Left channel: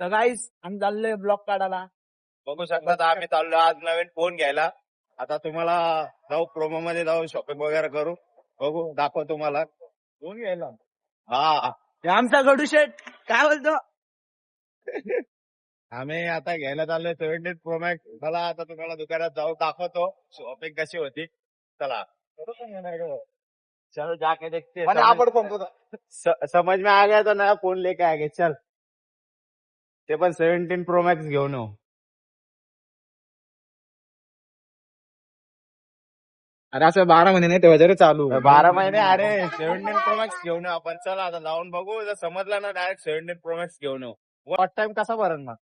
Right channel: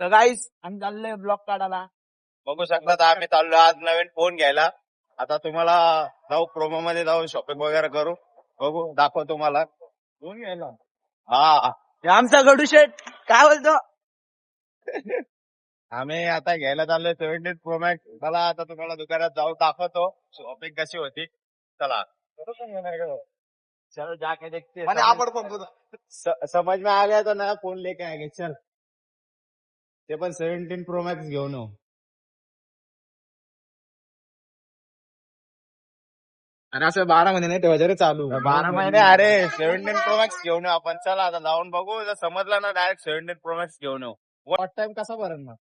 तर गाईस आम्ही चाललोय ब्लॉग काढायला. बघू शकता आम्ही चाललो आज नवीन फोन घ्यायला. आता तुम्हाला जाऊ प्रोमो मध्ये जाऊ शॉपिंग वगैरे करू. बघू दाखव तुम्हाला फोन घ्यायला हा. आमचा गडू शेट काय बोलतो. आम्ही आता घ्यायला चाललोय 17 प्रो मॅक्स. चला आता तुम्हाला दुकानात जाऊ दाखवतो शॉपिंग कशी होती. चला चल जाके देखते हैं. आपण समझ में आ गया तो नया फोन लेके आ गए. चल ते पण 17 प्रो मॅक्स घेऊन येऊ. अरे असं 12 महिने नाही तेव्हा चालू 12 महिने. अरे 17 प्रो मॅक्स घेऊन येऊ आपण. चला आता जाऊन बघू. जर समजलं ना डायरेक्ट 17 प्रो मॅक्स घेऊन येऊ. वॉट टाइम कसा भरण मग.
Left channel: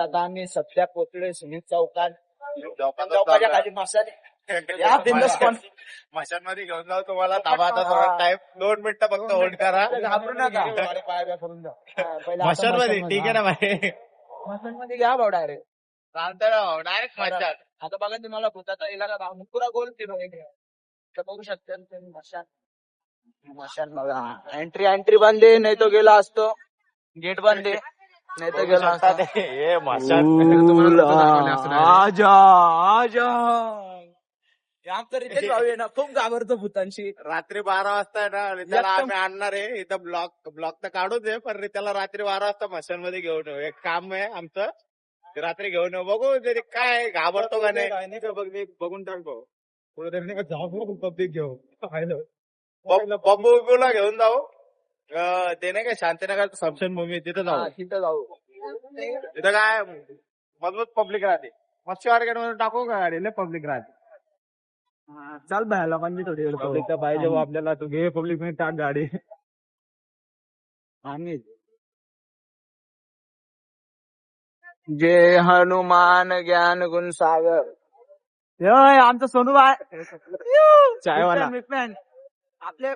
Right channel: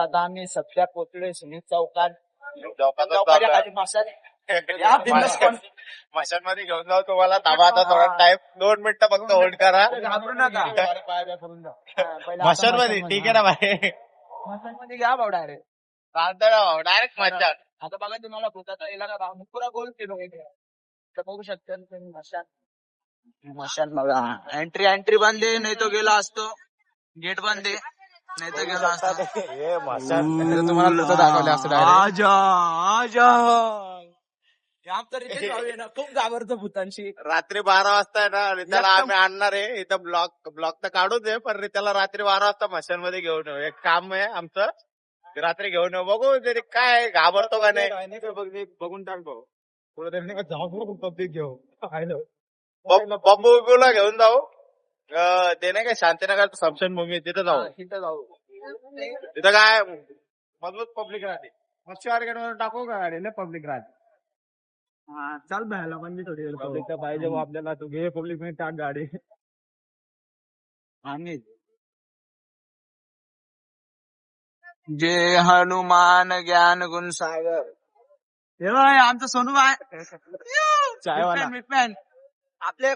आता आम्ही सध्या पोचलोय सुनील चौकात. चौकाच्या खाली मसाले या बिंदास कोण मशान मध्ये घेऊन जाऊ तुम्हाला. थांबा आता थोडा टाइम 2 मिनिटं फक्त होल्ड करा. घाबरू नका. मशान मध्ये ठीक आहे ना भाई. मसाल मध्ये घ्या भाऊ डायरेक्ट. डायरेक्ट मशान. आता बघा तुम्हाला भूताचा इलाका भाव पुरा गोल फिरून बघू शकता मशान. मशान बघा एंट्री बंद आहे. नाही तो गेला असतो. गेट बंद आहे. नाही तर गेला असता. आजा आजा आमचं रितेश भाऊ आहे ना खूप घाबरतो भूतांशी. रात्री 12 वाजता आहे ना रित्याला आम्ही आणणार आहे. इथं ब्लॉक तर काढूच आहे पण रित्याला रात्री 12 वाजता मशान मध्ये घेऊन येऊ. एक काम आहे आमचं ते रात्री घेऊन येऊ. बघू तरी काय घाबरतो का नाही बघून टाक भाऊ. पुढे जाऊ पब्लिक घेऊ. बंबूला घेऊन जाऊ. ते नाही काय शांतीनगर स्मशानभूमी तिथं जाऊ. तिथं जाऊ. तिथं काय मजबूत पब्लिक राहते. मच्छी मार्केट मध्ये टाकू का गाडी पब्लिक राहते. चाल बाहेर लोकांची थोडी पब्लिक तर पाहिजे आपल्याला. तू घे पब्लिक मध्ये टाक गाडी. आम्ही जय हनुमान ज्ञान गुण सागर. आमचं सोनू बाय फॅन आपले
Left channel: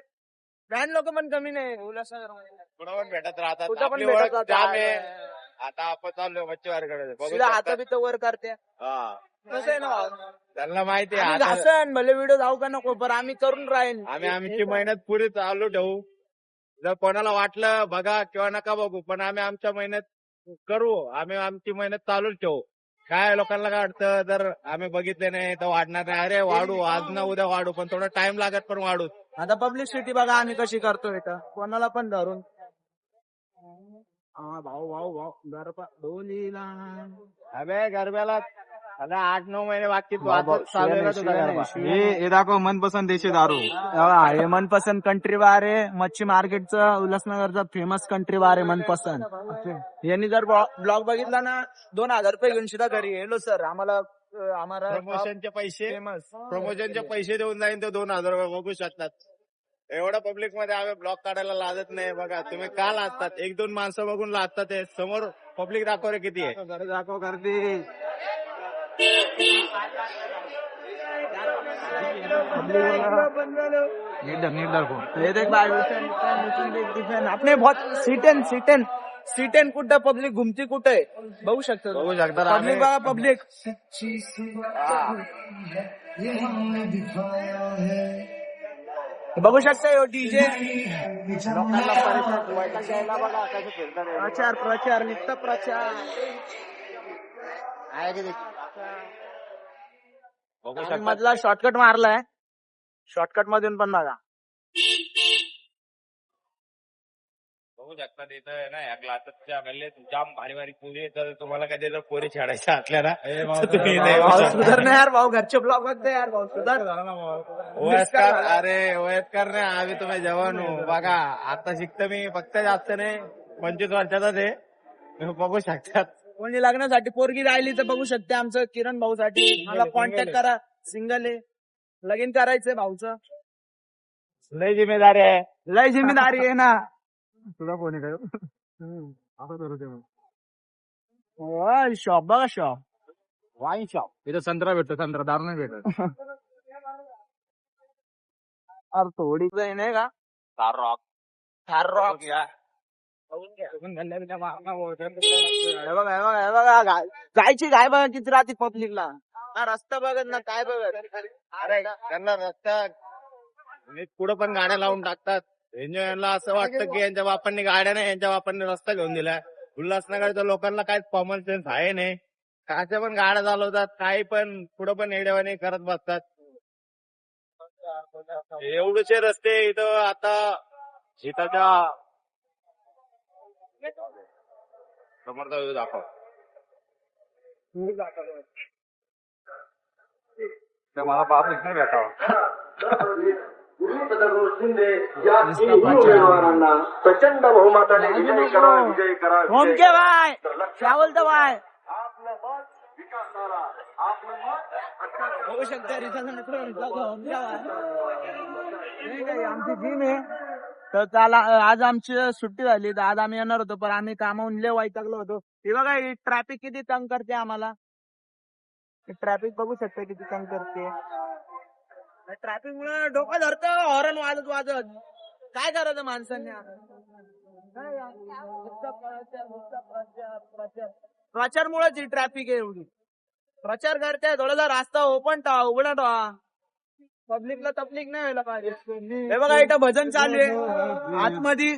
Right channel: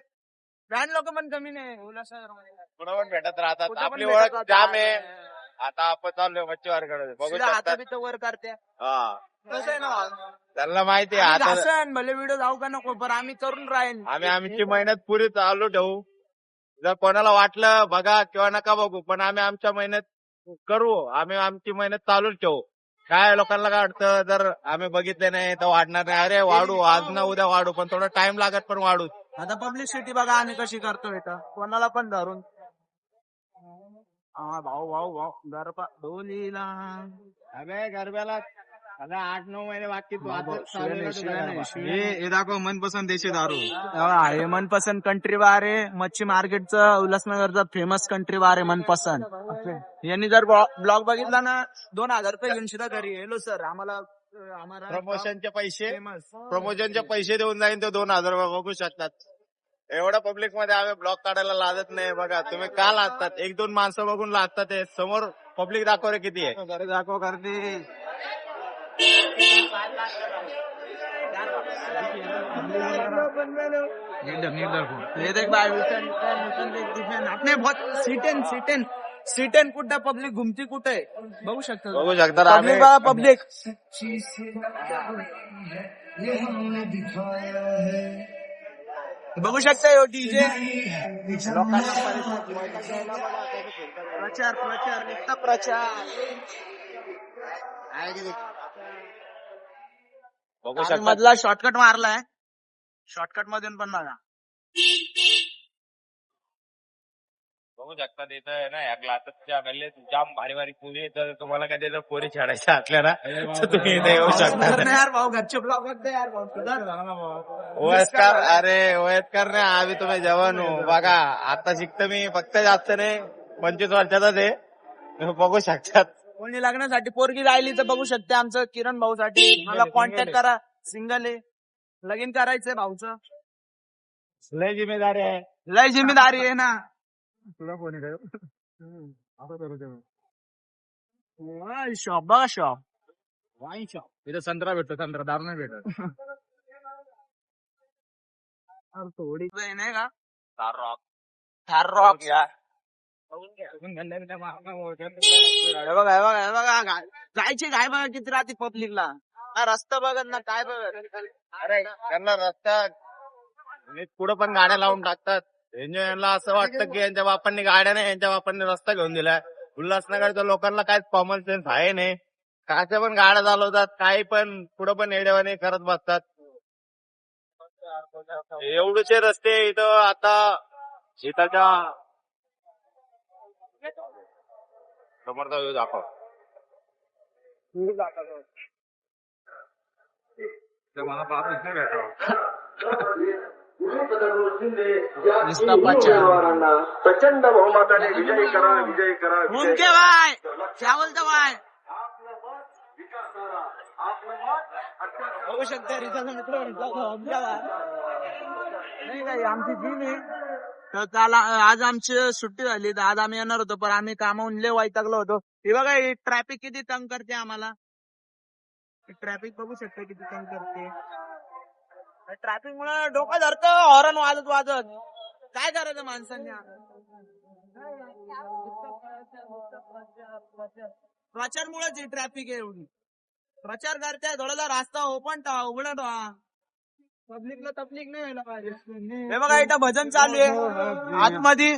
फॅन लोक पण कमी नाही. उल्हासनगर कुठं पण भेटत राहतात. कुठं पण आपली भेटत ओळख जाम आहे. राहतात. आता आपण चाललोय मच्छी मार्केट. बघू हात बी तर वर करते. हा कसं आहे ना त्यांना माहिती आहे. घासन भले व्हिडिओ जाऊ का नको पण आम्ही करून राहील. आम्ही आमची मेहनत पुरी चालू ठेवू. जर कोणाला वाटलं बघा किंवा नका बघू पण आम्ही आमच्या मेहनत करू. आम्ही आमची मेहनत चालूच ठेवू. काय लोकांना काय वाटतं जर आम्ही बघितले नाही तर वाढणार नाही. अरे वाढू आज ना उद्या वाढू पण थोडा टाइम लागत पण वाढू. आता पब्लिसिटी बघा आम्ही कशी करतो इथं कोणाला पण धरून. भाऊ गरबा डोलीला. अबे गरब्याला आता 8-9 महिने बाकी तू आता चालू आहे तुझा गरबा. हे दाखव मनपसंत देशी दारू. हे मनपसंत कंट्री बार आहे. मच्छी मार्केटचं उल्हासनगरचा फेमस कंट्री बार आहे मनपसंत. यांनी जर ब्लॉग बघितला ना 2000 रुपये घेऊन सुद्धा घरी येलो सर आम्हाला प्रमोशनचे पैसे देऊन जाईन ते 2000 रुपये. बघू शकतात. एवढ्या पब्लिक मध्ये आम्ही ब्लॉग काढायला लाजत नाही. बघा तुम्ही का लाजतात. 1-2 माणसं बघून लाजतात. समोर पब्लिक दाखव रे किती आहे. दाखव करते. अपने बहुत सीटेन कुठं पब्लिक घुमती कुठे बघू शकता. बघू शकता पब्लिक बघा पब्लिक. बघू शकता डीजे प्रचार नुसता प्रचार. बघू शकता. मधला शॉर्टकट मारलाय. शॉर्टकट मधून पण बघा. बघू शकता तिथं ना या क्लासेसच्या गल्लीत जाम भारी भारी पोरी. तर तुम्हाला कधी जर पोरी छाडायच्या असल्या ना तुम्ही सुधार नाही यार भाऊ. घरचे ब्लॉग बघते यार भाऊ. सुधार वयस्कर. अरे वयस्कर नाही आम्ही तुम्ही जवान हो. बघा आता शिकतो मी फक्त जास्त नाही 25 वर्षाचाच आहे. तुम्ही बघू शकतात. कोणी लग्नासाठी पोरगी राहिली तर बघू शकते आमचं किरण भाऊ साठी. मला कॉन्टॅक्ट करा. सिंगल आहे. लगीन करायचंय भाऊचं. लय जिम्मेदारी आहे. लय जिम्मेदारी आहे ना. तुझा फोन आहे शॉप बघा. Shop wine shop. तिथं संत्रा भेटतो. संत्रा दारू नाही भेटत. अरे थोडी नाही का थार रॉक. थार रॉक जायची गाय बघा किती राहते पब्लिकला. काय रस्ता बघत ना काय बघत. अरे त्यांना रस्ता नीट पुढं पण गाड्या लावून टाकतात. यांना असं वाटतं की यांच्या बापांनी गाड्या नाही, यांच्या बापांनी रस्ता घेऊन दिलाय. उल्हासनगरच्या लोकांना काहीच कॉमन सेन्स आहे नाही. काच्या पण गाड्या चालवतात, काही पण पुढं पण येड्यावाने करत बसतात. एवढेचे रस्ते इथं आता शेताच्या समोरचा व्ह्यू दाखव. मला बाप इथं भेटावा. नुसता प्रचार. ओम के बाय क्या बोलतो बाय. बघू शकता आमची टीम आहे. तर त्याला आज आमची सुट्टी झाली तर आज आम्ही येणार होतो पण आम्ही कामावून लय वैतागलो होतो. हे बघा ट्रॅफिक किती तंग करते आम्हाला. ट्रॅफिक बघू शकता किती तंग करते. ट्रॅफिक मुळे डोकं धरतं हॉर्न वाजत वाजत. काय करायचं माणसांनी. प्रचार मुळेच ही ट्रॅफिक आहे एवढी. प्रचार करते थोडासा रास्ता ओपन ठेवा उघडा ठेवा. पब्लिकला तकलीफ नाही व्हायला पाहिजे. हे बघा इथं भजन चालू आहे आतमध्ये.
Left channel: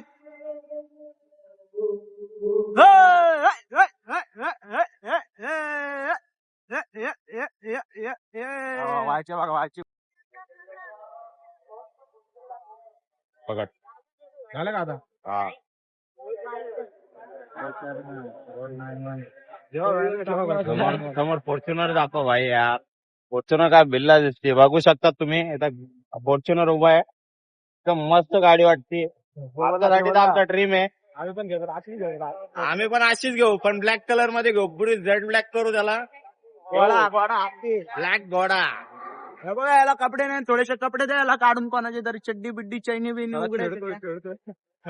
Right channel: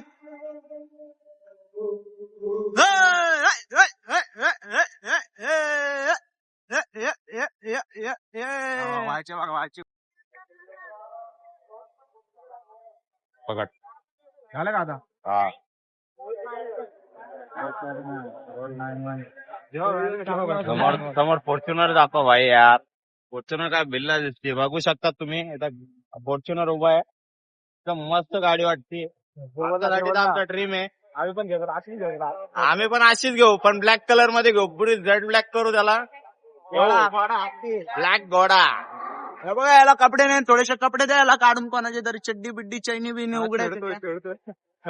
व्हायचे बघा व्हायचे. पकड झालं का आता. समोर फॉर्च्युनर दाखव भाई यार. फॉर्च्युनर काय बिल्ला दिसते बघू शकता तुम्ही. फॉर्च्युनर उभा आहे तर मस्त गाडी वाटते. आपला ड्रीम आहे. आम्ही पण घेतो अशीच घेऊ. आम्ही पण अशीच घेऊ पण ब्लॅक कलर मध्ये घेऊ. पुढे झेड ब्लॅक करू त्याला. ब्लॅक घोडा. हे बघा याला कपडे नाही थोडेसे कपडे द्यायला काढून कोणाचे तरी चड्डी बिड्डी चैनी बिनी उघडायचे.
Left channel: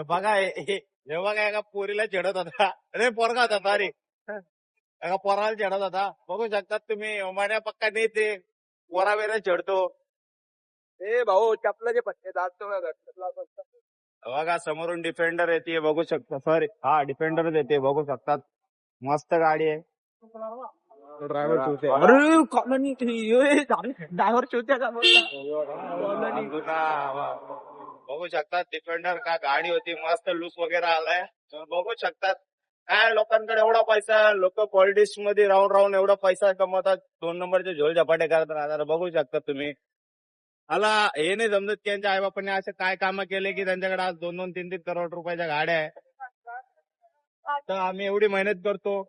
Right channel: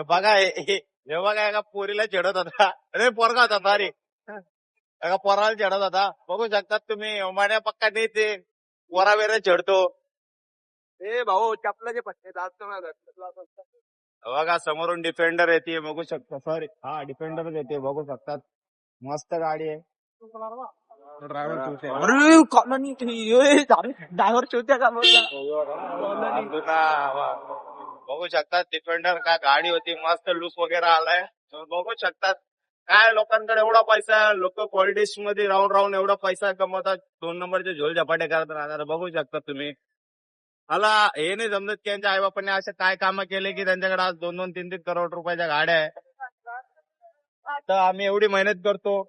बघा हे बघा एका पोरीला चढत होता. अरे पोरगा होता सॉरी. एका पोराला चढत होता. बघू शकतात तुम्ही. माझ्या पक्का नाही ते पोरा वेळे चढतो. ए भाऊ चपलाचे पट्टे जास्त बघा समोरून डिफेंडर येते बघू शकता. सॉरी हा डिफेंडरच येते बघू शकतात. मस्त गाडी आहे. ड्रायव्हर चोते. अरे कॉलनी ड्रायव्हर चोत्या का बघू शकतात. डिफेंडर काय गाडी होती. मस्त लुक वगैरे आलाय. बघू शकतात. काय लोकांकडे एवढा पैसा. लोक पॉलिटिक्स मध्ये राहून राहून एवढा पैसा कमवतात. 2 नंबरचे झोल झपाटे करत राहतात. बघू शकता तुम्ही. मला हे नाही समजत की त्यांच्या आईबापांनी असे काय कामं केले की त्यांच्याकडे आज 2-2, 3-3 करोड रुपयाच्या गाड्या आहे. तर आम्ही एवढी मेहनत करतो.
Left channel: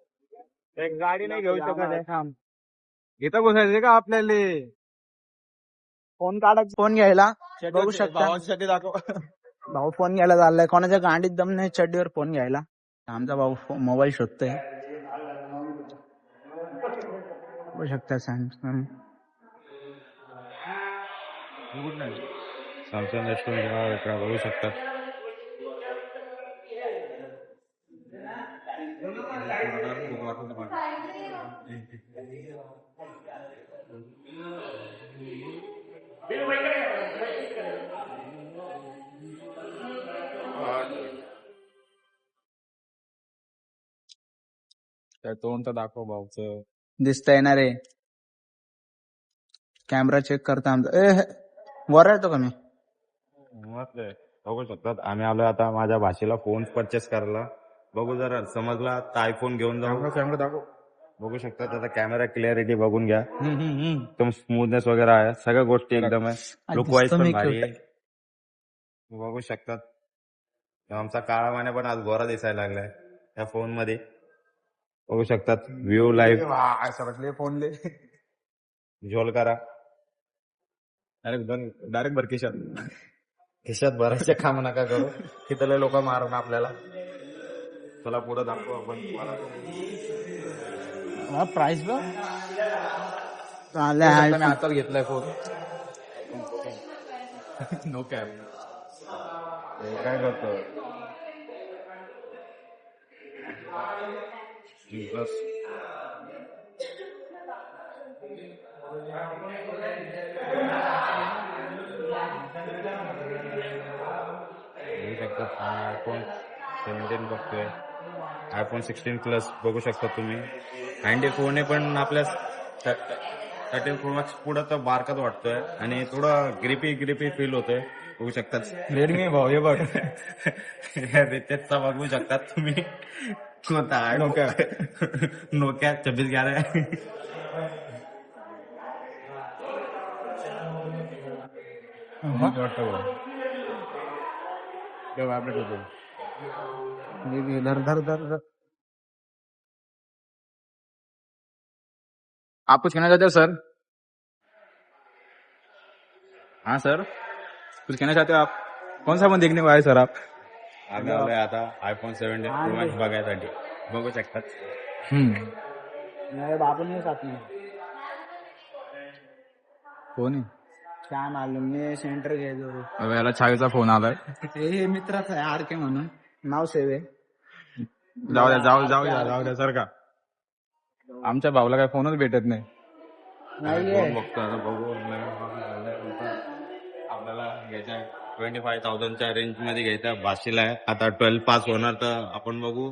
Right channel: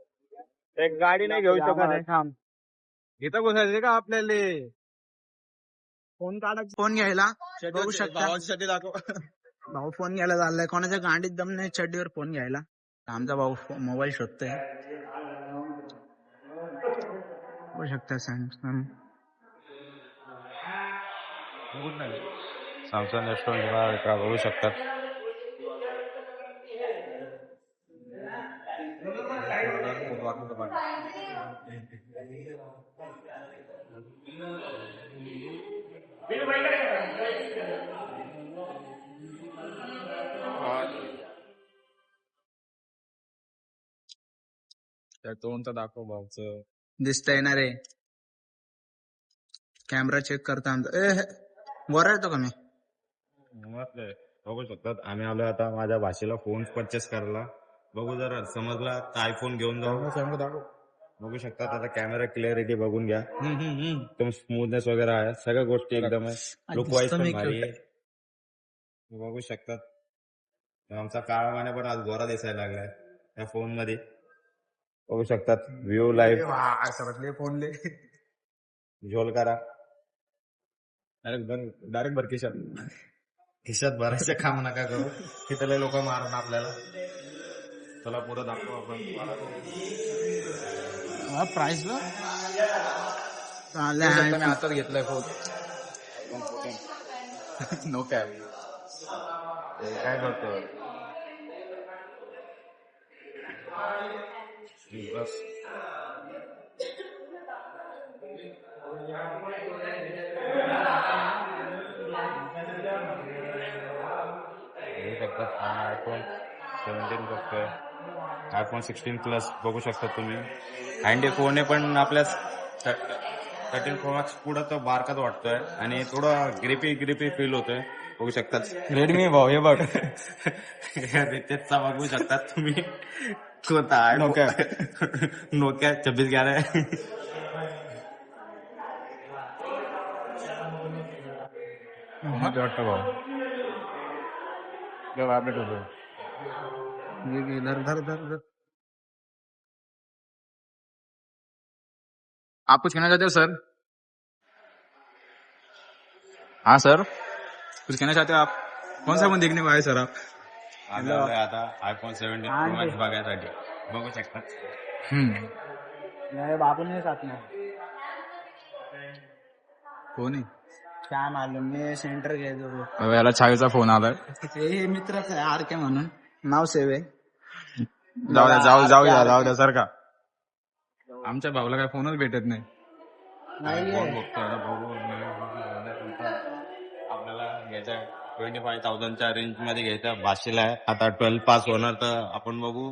एक गाडी नाही घेऊ शकत आहे. इथं बसायचे का आपल्याला. फोन काढायचा फोन घ्यायला बघू शकता. भाऊ फोन घ्यायला चाललाय. कोणाच्या गाडीत दम नाही चड्डीवर फोन घ्यायला. आमचा भाऊ मोबाईल शोधतोय बघू शकता. सॅमसंग सॅमसंग S20 बघू शकतात. तोंड तर दाखव भाऊच. दिसतंय ना रे. कॅमेरा चेक करता आमचा. वर येतो का मी. मस्त आहे. बघू शकतात. आम्ही आलो आता माझ्या भाषेला फोन परचेस करायला. बघू जरा समजला तर आयफोन घेऊन जाऊ. कॅमेरा दाखव. बघू शकता त्याचा कॅमेरा क्लिअरिटी बघून घ्या. एकदम स्मूथनेस वगैरे आहे. सगळ्या गोष्टी एकदम आहे. लुक वाईज पण भारी आहे. बघू शकतात. आमचा काळा माने पण आज गोरा दिसायला लागलाय या फोन मध्ये. बघू शकतात. व्ह्यू लाईव्ह समजले फोनले. झोल करा. डायरेक्ट भरकेशात. खिशात भरायचे काम नका करू. तिथले लोक मारून आपल्याला. तुला पुढे दाखवू आपण तुम्हाला. प्राइस बघ घेतलाय फोन. No cab. काय करतोय बस. शकतात. आयफोन 17 बघतोय. आयफोन 16 प्लस बघू शकता तुम्ही. हँडी फोन आहे पण आपल्या 13 प्रो मॅक्स पुढं तर बारकाच वाटतोय आणि थोडं ग्रिपी फील होतोय. बघू शकतात. रेडमी भाऊ हे बघ. रितेशचा बघू शकतात तुम्ही. कोणता आहे नोकिया. नोकिया 2611 आहे. वाटतो भाऊ. बघ, आपलं बघ. आप कुछ कहना चाहते हो सर? हाँ सर, कुछ कहना चाहते हो आप? कौन सा फोन देखने को आए सर आप? आम्ही आलोय आता आयफोन 17 प्रो मॅक्स बघायसाठी. बघू शकतात. कोण आहे? काय मालूम मी सेंटर घ्यायचो. अबे, याला छावीचा फोन आलाय. हे मित्राच आहे आरके म्हणून नाव सेव आहे. जाऊ द्या सर का. आमच्या भाऊला काय फोनच भेटत नाही. फोन बघतो आता बघू. आपल्याला घ्यायचा 25,000च्या रेंज मध्ये घ्यायचा. भाषेला आहे आता 12 पास होणार तर आपण बघू.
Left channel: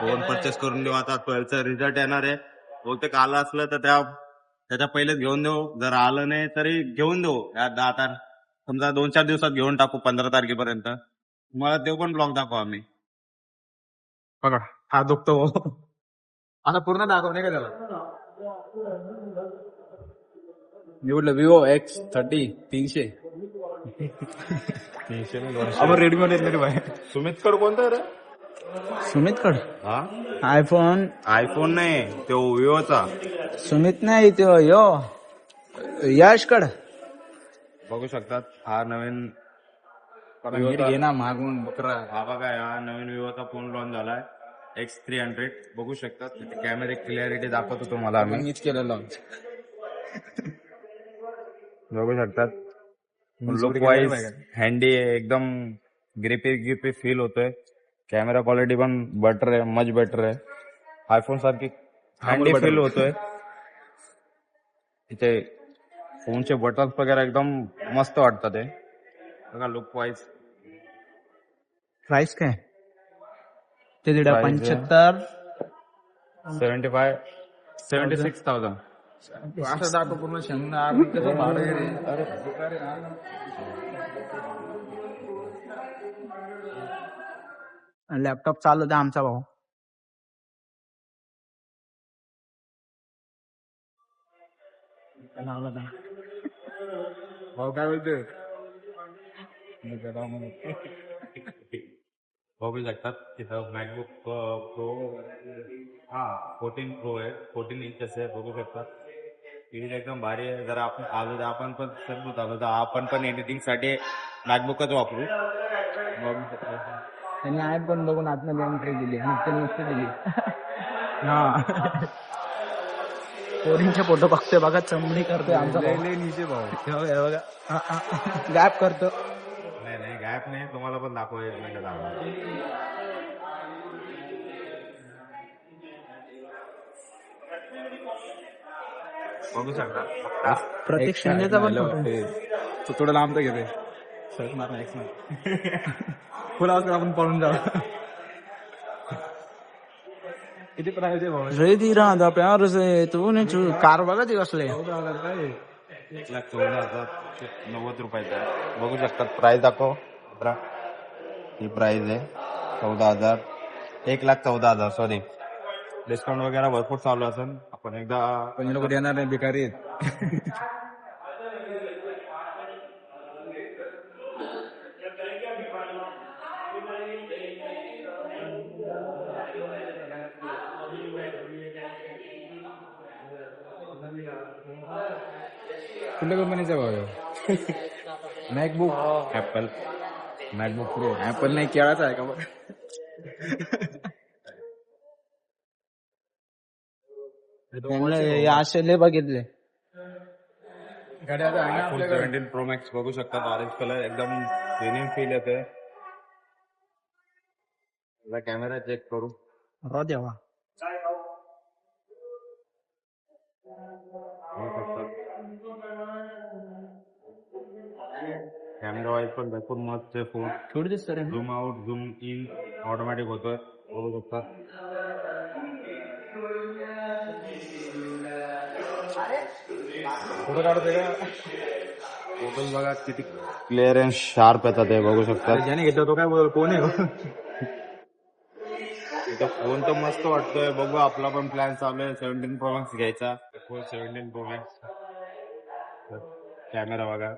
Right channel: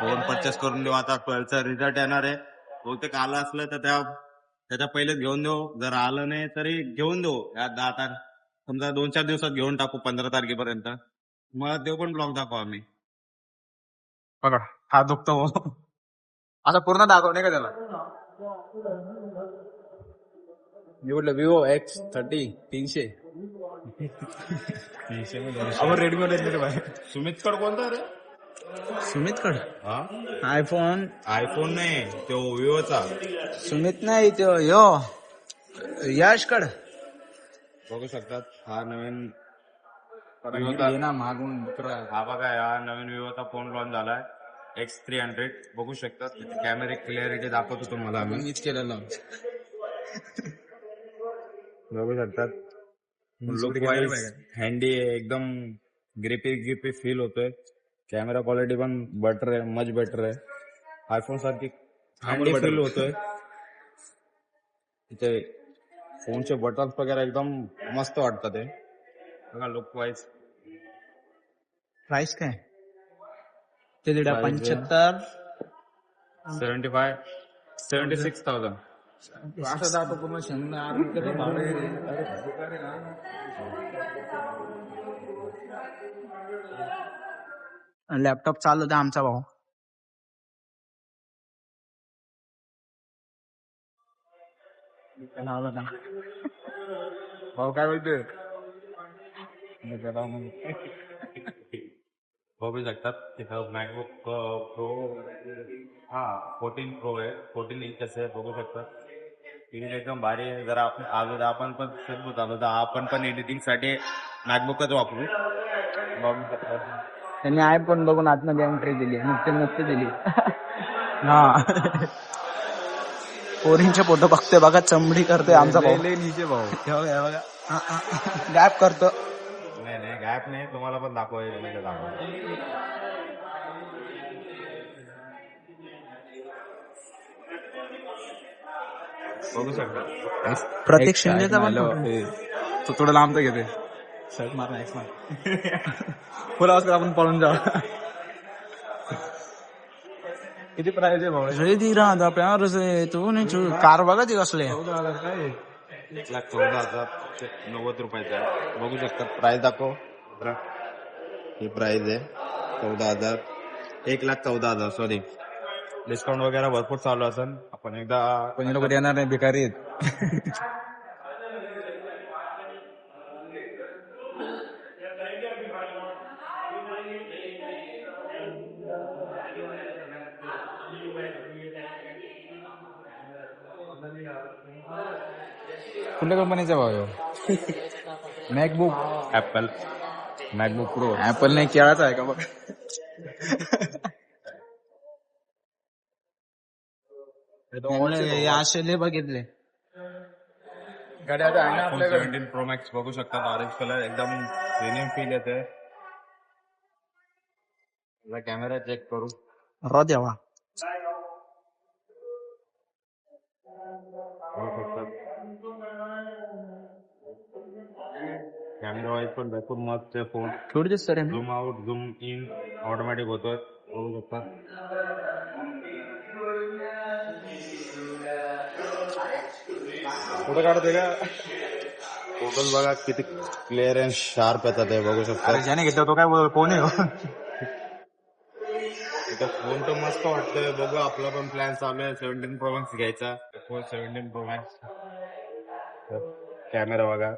फोन परचेस करून देऊ. आता 12चा रिझल्ट येणार आहे. बहुतेक आलं असलं तर त्याच्या पहिलेच घेऊन देऊ. जर आलं नाही तरी घेऊन देऊ. आता समजा 2-4 दिवसात घेऊन टाकू 15 तारखेपर्यंत. मला ते पण ब्लॉग दाखवू आम्ही. बघा, हात दुखतो भाऊ. आता पूर्ण दाखवणे का त्याला? Vivo X30 300. रेडमी. सुमित कड कोणता रे? सुमित कड हा आयफोन नाही तो विवोचा. सुमित नाही तो यो यश कड. बघू शकतात हा नवीन घे ना मागून बकरा. हा बघा हा नवीन विवोचा फोन लॉन्च झालाय. X300 बघू शकतात. कॅमेरे क्लिअरिटी दाखवतो तुम्हाला आम्ही. मीच केलेलं. बघू शकतात. लुक वाईज हँडी एकदम ग्रिपी फील होतोय. कॅमेरा क्वालिटी पण बेटर आहे. मच बेटर आहे. आयफोन सारखी हँडी फील होतोय. इथे फोनचे बटन्स वगैरे एकदम मस्त वाटतात ते. बघा लुक वाईज. प्राइस काय ते 75 76,000. असं दाखव पूर्ण शंभर. लॅपटॉप चालवते आमचा भाऊ. भाऊ काय बोलतोय? बघू शकतात तिथं मॅकबुक प्रो 14 प्रो आहे. 14 इंचेस आहे. बघू शकतात. स्क्रीन एकदम भारी आहे. जर आपण आलो तर आपण पण समजूत आलो तर आपण पण एडिटिंग साठी मॅकबुकच वापरू. बघू शकतात. त्यांनी आयफोन बघून आतमध्ये एंट्री दिली. नसते दिली. हा पोरींचे फोटो बघतोय बघा. चमडी करतोय आमचा भाऊ. नीचे भाऊ. हे बघा गॅप करतो. नाही गॅप नाही. तुम्हाला पण दाखवायचं नाही का बघू शकता. प्रतीक शिंदेचा पण फोटो. तो थोडं लांब तर घेते. शर्ट मार फुल आवाज कर आपण पळून जाऊ. किती प्राइस आहे भाऊ? रे धीरा प्यार से तूने कार बघा ती कसले. 1,14,090 रुपयाचा आहे. बघू शकतात. प्राइस दाखव. ही प्राइस आहे 14,000. 1,14,000 सॉरी. डिस्काउंट वगैरे भरपूर चालू असेल. आपण एकदा कोणी लोक येणार नाही. भिकारी आहेत. कुठल्या कंपनीचा भाऊ? MacBook apple MacBook pro. Apple नाही केळाचा आहे का बघ. असे बघितले. आयफोन 17 प्रो मॅक्स बघू शकतात. ऑरेंज कलर एकदम प्रीमियम फील येते. कॅमेरा चेक करू. रो देवा. बघू शकतात. कॅमेरा वाईज पण भरपूर मस्त आहे फोन. थोडी दिसत रे zoom out zoom in automatic होतोय, बघू शकता. फोटो काढते का? फोटोज बघा किती क्लिअर अँड शार्प येतात हे बघू शकता. ज्याने घेतला तो काय बोल, कोण आहे हो? इथं फोन तर मस्त वाटतोय. बघू, आपला पण प्लॅन चालू आहे 17 Pro Max घ्यायचा. 17 Pro Max. कॅमेरा बघा.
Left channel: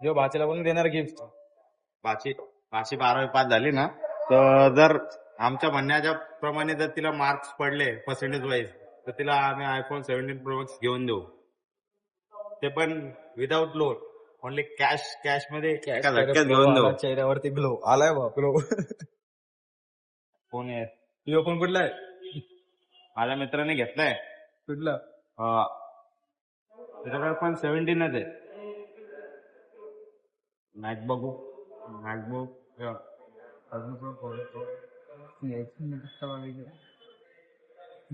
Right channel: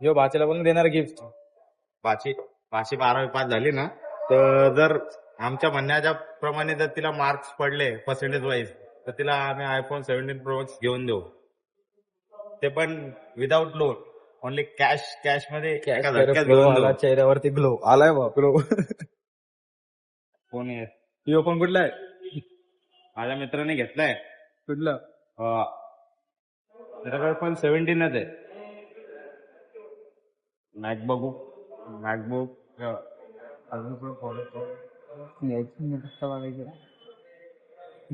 यो भाच्याला पण देणार गिफ्ट. पाचवी 12वी पास झाली ना, तर जर आमच्या म्हणण्याच्या प्रमाणे जर तिला मार्क्स पडले पर्सेंटेज वाईज, तर तिला आम्ही iPhone 17 Pro Max घेऊन देऊ. ते पण विदाउट लोन, ओनली कॅश मध्ये एका झटक्यात घेऊन देऊ. चेहऱ्यावरती ग्लो आलाय बा, ग्लो. फोन आहे यो पण कुठला आहे? माझ्या मित्राने घेतलाय. कुठला? त्याच्याकडे पण 17च आहे. मॅकबुक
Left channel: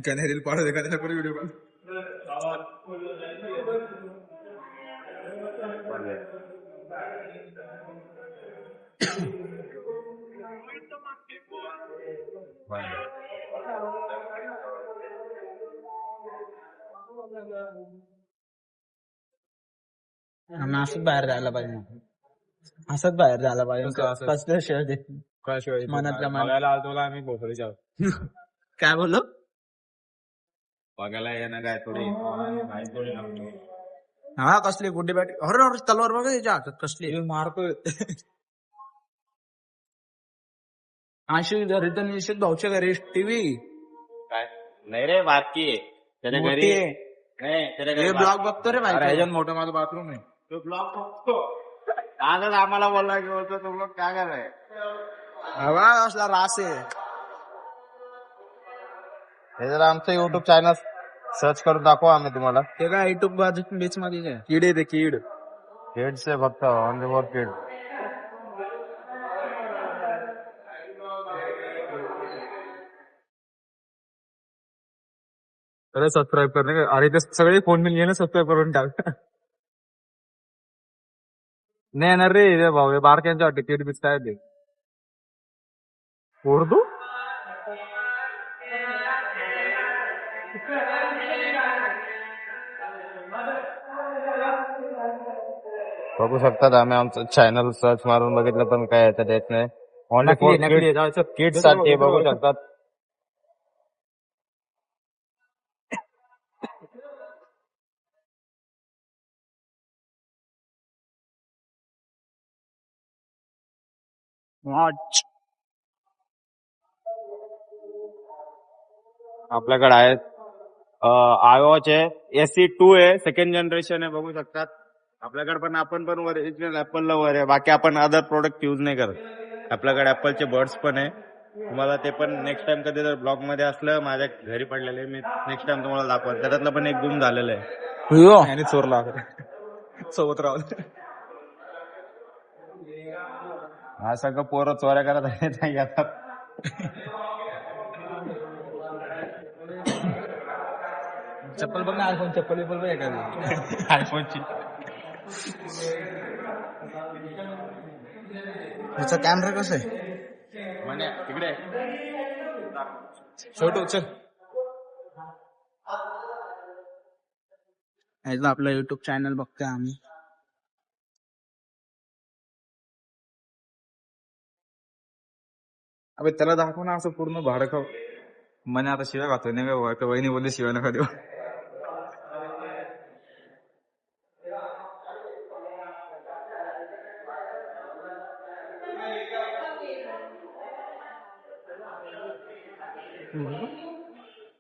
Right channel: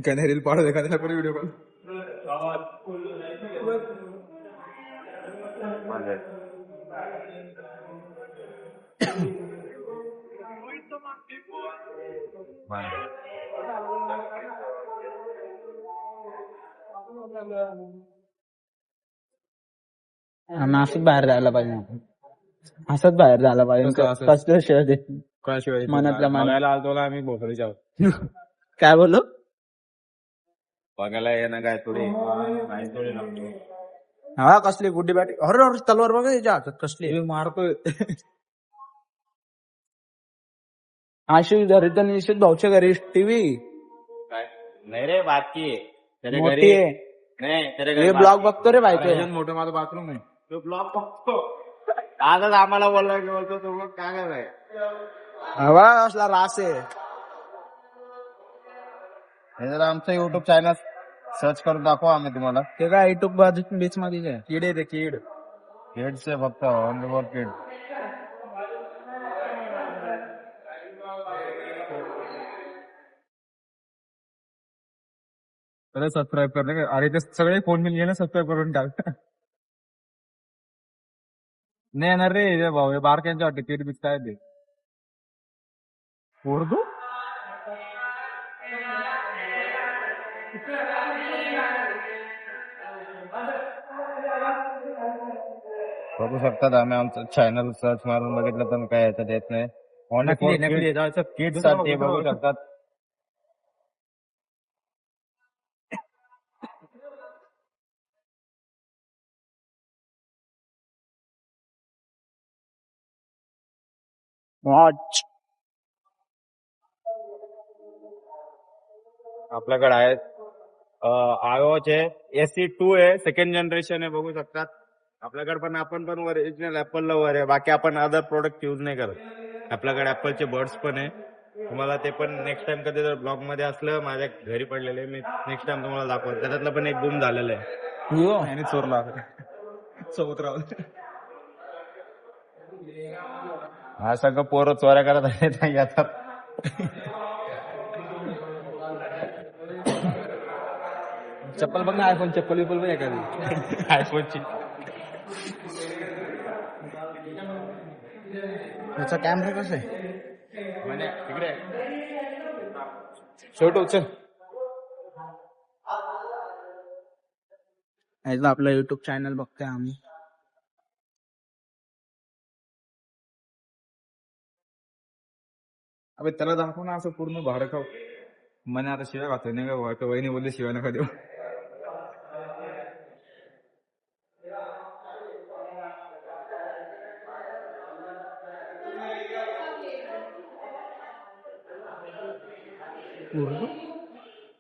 त्याने रील पाडू दे का त्याला व्हिडिओ कॉल. असंच बाहेर जायला पाहिजे आपण. असंच बाहेर जायला पाहिजे. असं? कसलं शेअर दे काय शिवाय मनातल्या मनात. बघायला आलतो आम्ही भोसरीच्या. काय बोललो? बघायला येणं काय थोडी. हा कसली गुड्डी बॅट. अरे अरे तलवार बघा याच्या हातात कसली. मारतोय. अशी घरी तर निश्चित भाऊच्या घरी टीव्ही काय नाही रे, बाकी त्याच्या मोठी घरी आहे. नाही, त्याच्या हे घरी ब्लॉग बघतो रे बायको. त्याच्यात मोठं माझं बाथरूम आहे. तो ब्लॉग बघतो. आजच आम्हाला बोलला की बोलतो तो ब्लॉग काय कराय. हवा असला रास आहे. हे जर आमचं युट्यूब चॅनल सर्च करून दाखवा आम्ही तुम्हाला. ते काय युट्यूब बाजू बीच मध्ये आहे. कीड आहे ते कीड. किड्स आहे फक्त, ओनली फॉर किड. त्याला सबस्क्राईब करणे का? अरे ते सगळे फोन मिळून घे ना, सबस्क्राईब करून टाक. नाही येणार रे हे भाऊ, हे बारक्यांच्या वाटते कीड बीच काय ते उर्दू. बघू शकतात, आम्ही आमचं चॅनल सर्च मारून बघितलं पण काय याच्यात येत नाही. ओनली नकली फॉर नकली जायचं. किड्स साठी बघू शकतात. वॉच आपल्याकडे आहेत iWatch आहे, SE2 आहे, सेकंड जनरेशन आहे. बघू शकतात आपल्याकडे पण. आपण पण ओरिजिनल ऍपलला वर आहे. बाकी आपण अदर प्रोडक्ट युज नाही करत. आपल्याकडे ऍपलचे बर्ड्स पण आहे. तुम्हाला ते पण नेक्स्ट टाइम कधी जर ब्लॉग मध्ये असलं, माझ्या घरी पडलेले, मी नेक्स्ट टाइम तुम्हाला दाखवत. त्याच्यातलं पण एक गुम झालेलं आहे. आणि चोरला सोबत राहून. हा सगळं पोरं चोऱ्या करत आहेत आता. चप्पल बघ ना, आयफोन चप्पल बिप्पल बी आहे का? आयफोनची याचा कॅमेरा कसा आहे? म्हणे तिकडे छोटू चल. याचा आपला युट्यूब चॅनल बघतोय आम्ही. अबे त्याला दाखव ना असं पूर्ण भाडं का. म्हणे आता शिव्या खातोय नाही का, वहिनी बोलली शिव्या नका देऊ.